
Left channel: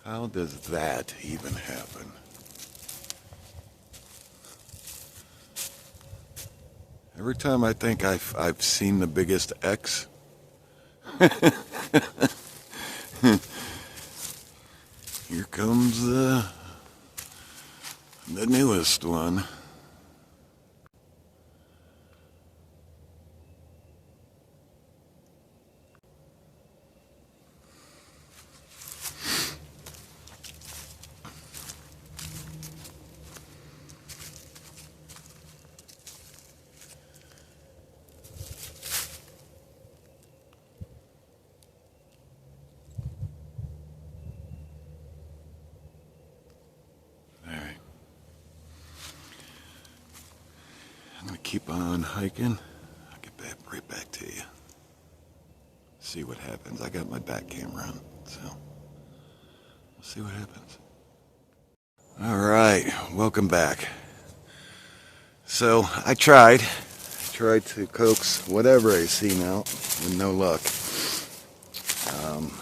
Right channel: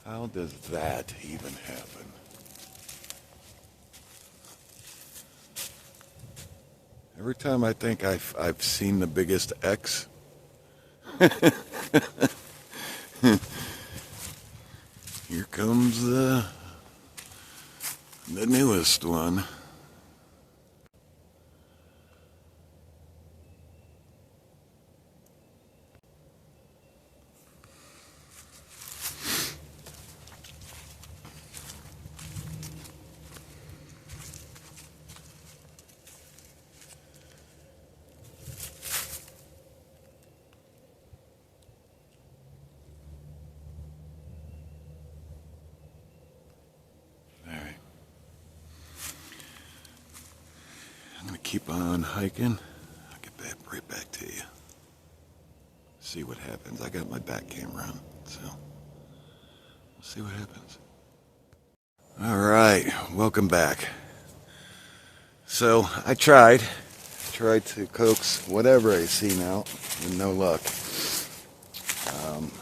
How does that even happen? Every time I think I've seen the biggest X, here comes the newest one. I'm going to keep on hiking. I'll get right back to you. See what happens. I got my back camera on, so we'll see what happens. All right, welcome back. So I tried to coax whatever I seen out with no luck.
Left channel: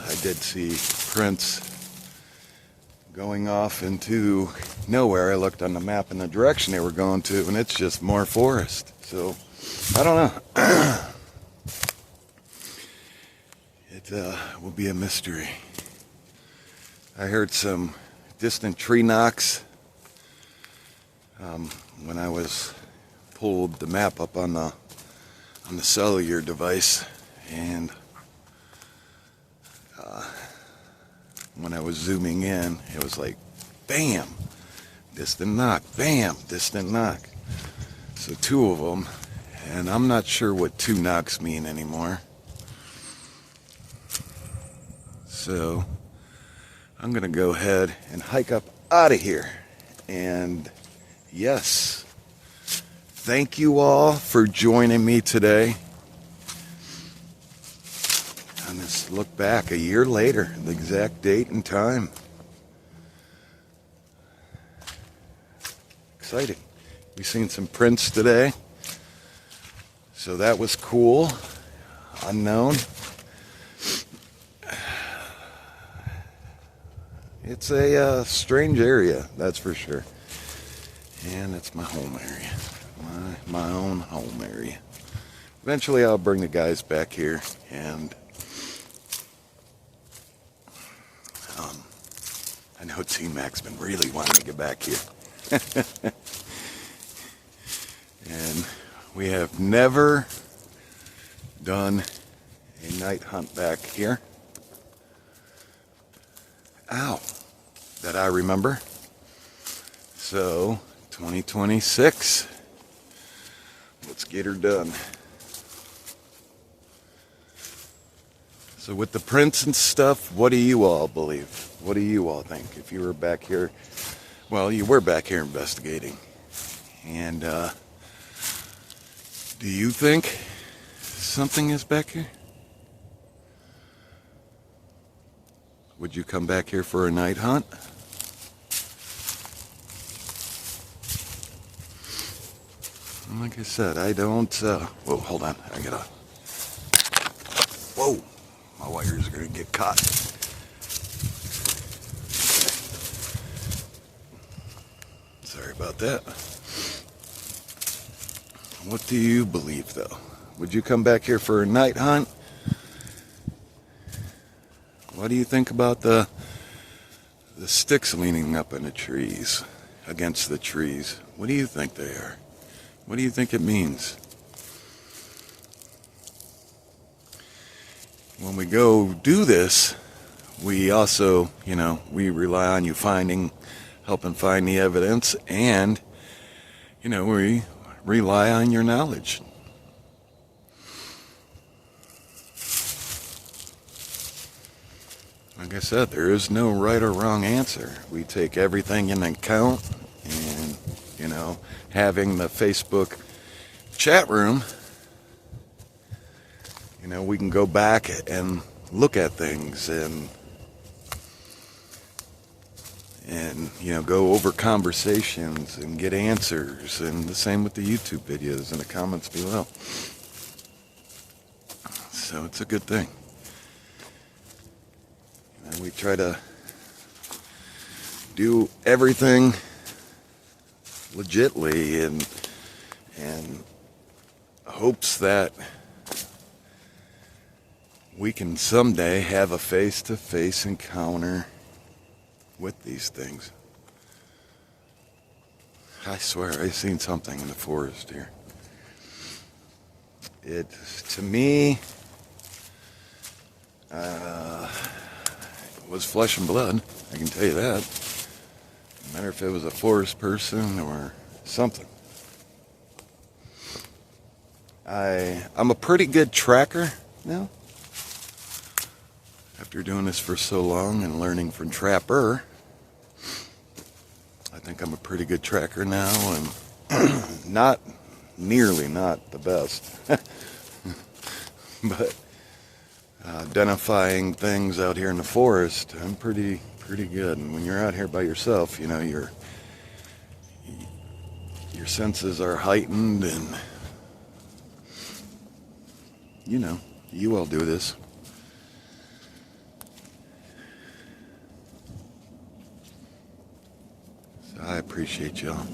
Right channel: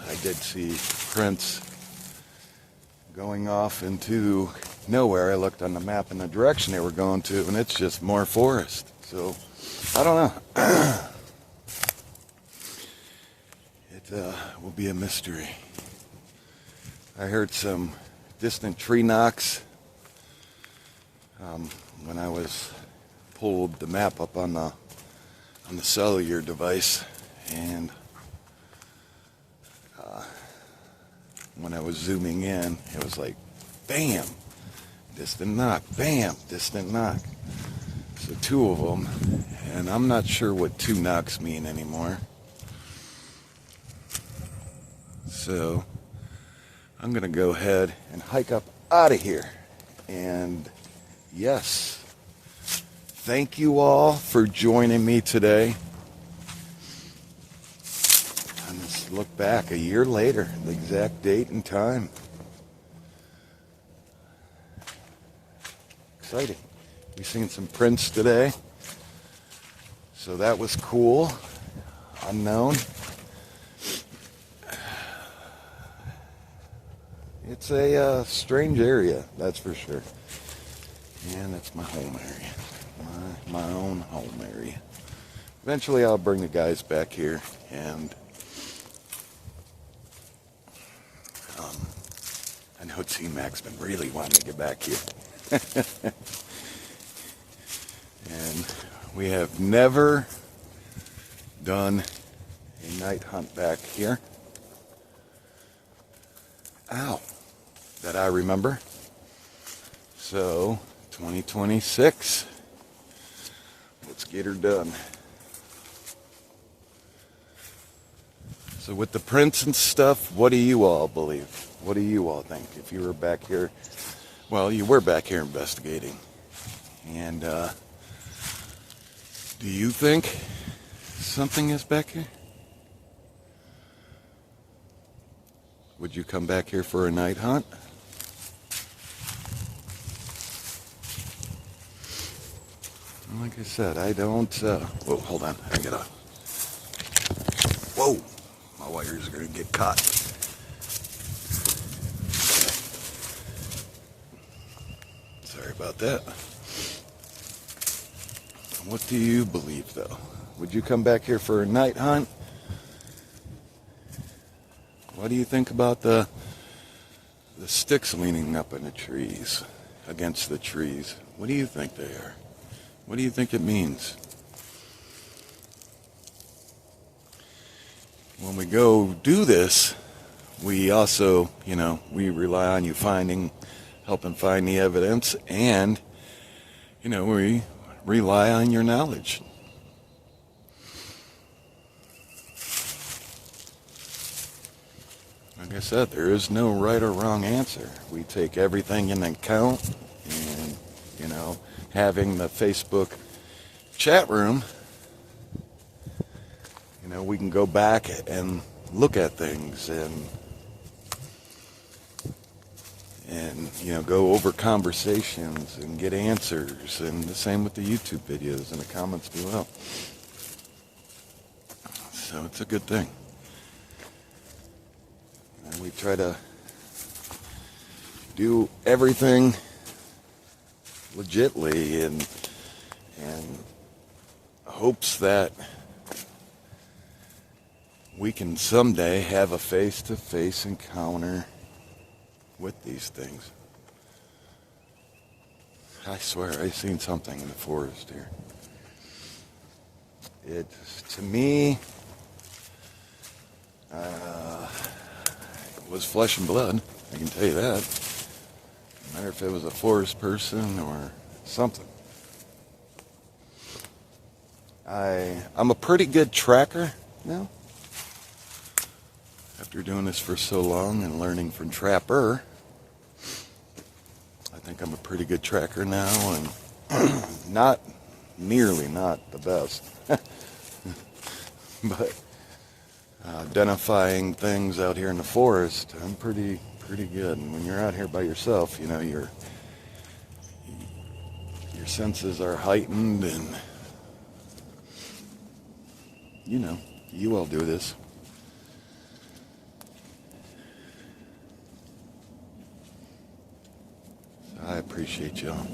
I did see prints going off into nowhere. I looked on the map in the direction they were going to, and it's just more forest. So, I don't know. It will be a mystery. I heard some distant tree knocks when I pulled the map up on the cellular device, and when I was zooming in, it was like, bam, distant knock, bam, distant knock. So 2 of them, and I'm not sure what 2 knocks mean anymore. So I'm gonna go ahead and hike up out of here. And yes, thank you all for joining me today on this look back a year later, the exact date and time. Exciting. We seen some prints today, so that was cool. Unknown. It's a strange area, that's for sure. And it's my home area, my own home area. Eventually I'll bring the guys back here, and I know T-Mac's been really wanting to get back here. And we have never done a night hunt back here. Ow, that I remember. So 2026, let's get her done. So with the prints and stuff, what do you all believe? What do you all think? If you were back here, well, you were back here investigating. And do you think something is back here? Would you come back here for a night hunt? Like I said, I don't, whoa, hold on, I gotta, whoa, my wires are gonna get caught. Sorry about that. What do you believe, though? Would you come back here for a night hunt? What do you think about the sticks leaning up in the trees, against the trees? What do you think they are? What do you think it means? When we go do this, we also, we rely on you helping find the evidence, and, we rely on your knowledge. Like I said, there is no right or wrong answer. We take everything into account, and, having the Facebook chat room, we can go back and look at things and go over conversations and get answers, and the same with the YouTube videos and the comments below. So it's a good thing. And we try to do everything legitly and hopes that we can someday have a face-to-face encounter with these things. I swear, I seen something in the forest here. It, to me, was flesh and blood. I can tell you that. No matter if it was a forest person or something. I'm a pretty good tracker now. After doing this for so long and learning from Trapper, I think I'm a pretty good tracker now, and not the best, but identifying things out here in the forest, I'm pretty good. And when you're out here by yourself, your senses are heightened, and you all do this. I appreciate y'all.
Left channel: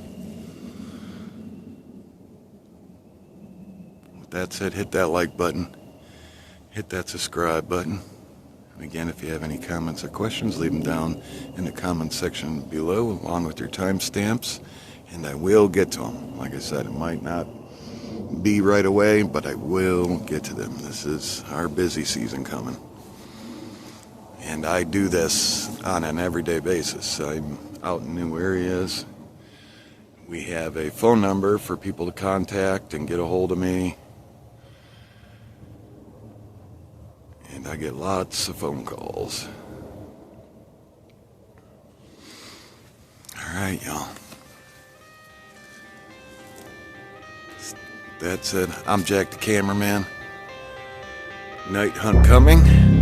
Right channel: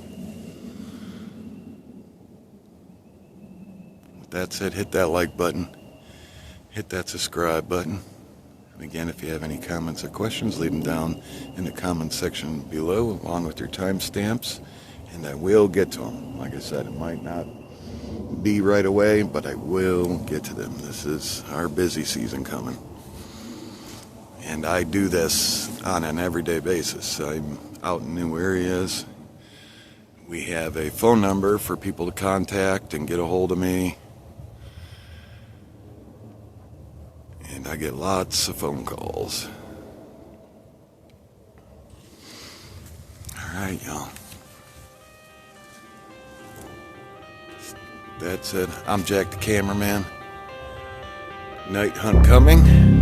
With that said, hit that like button. Hit that subscribe button. And again, if you have any comments or questions, leave them down in the comment section below, along with your timestamps, and I will get to them. Like I said, it might not be right away, but I will get to them. This is our busy season coming. And I do this on an everyday basis. I'm out in new areas. We have a phone number for people to contact and get a hold of me. And I get lots of phone calls. All right, y'all. That's it. I'm Jack the Cameraman. Night hunt coming.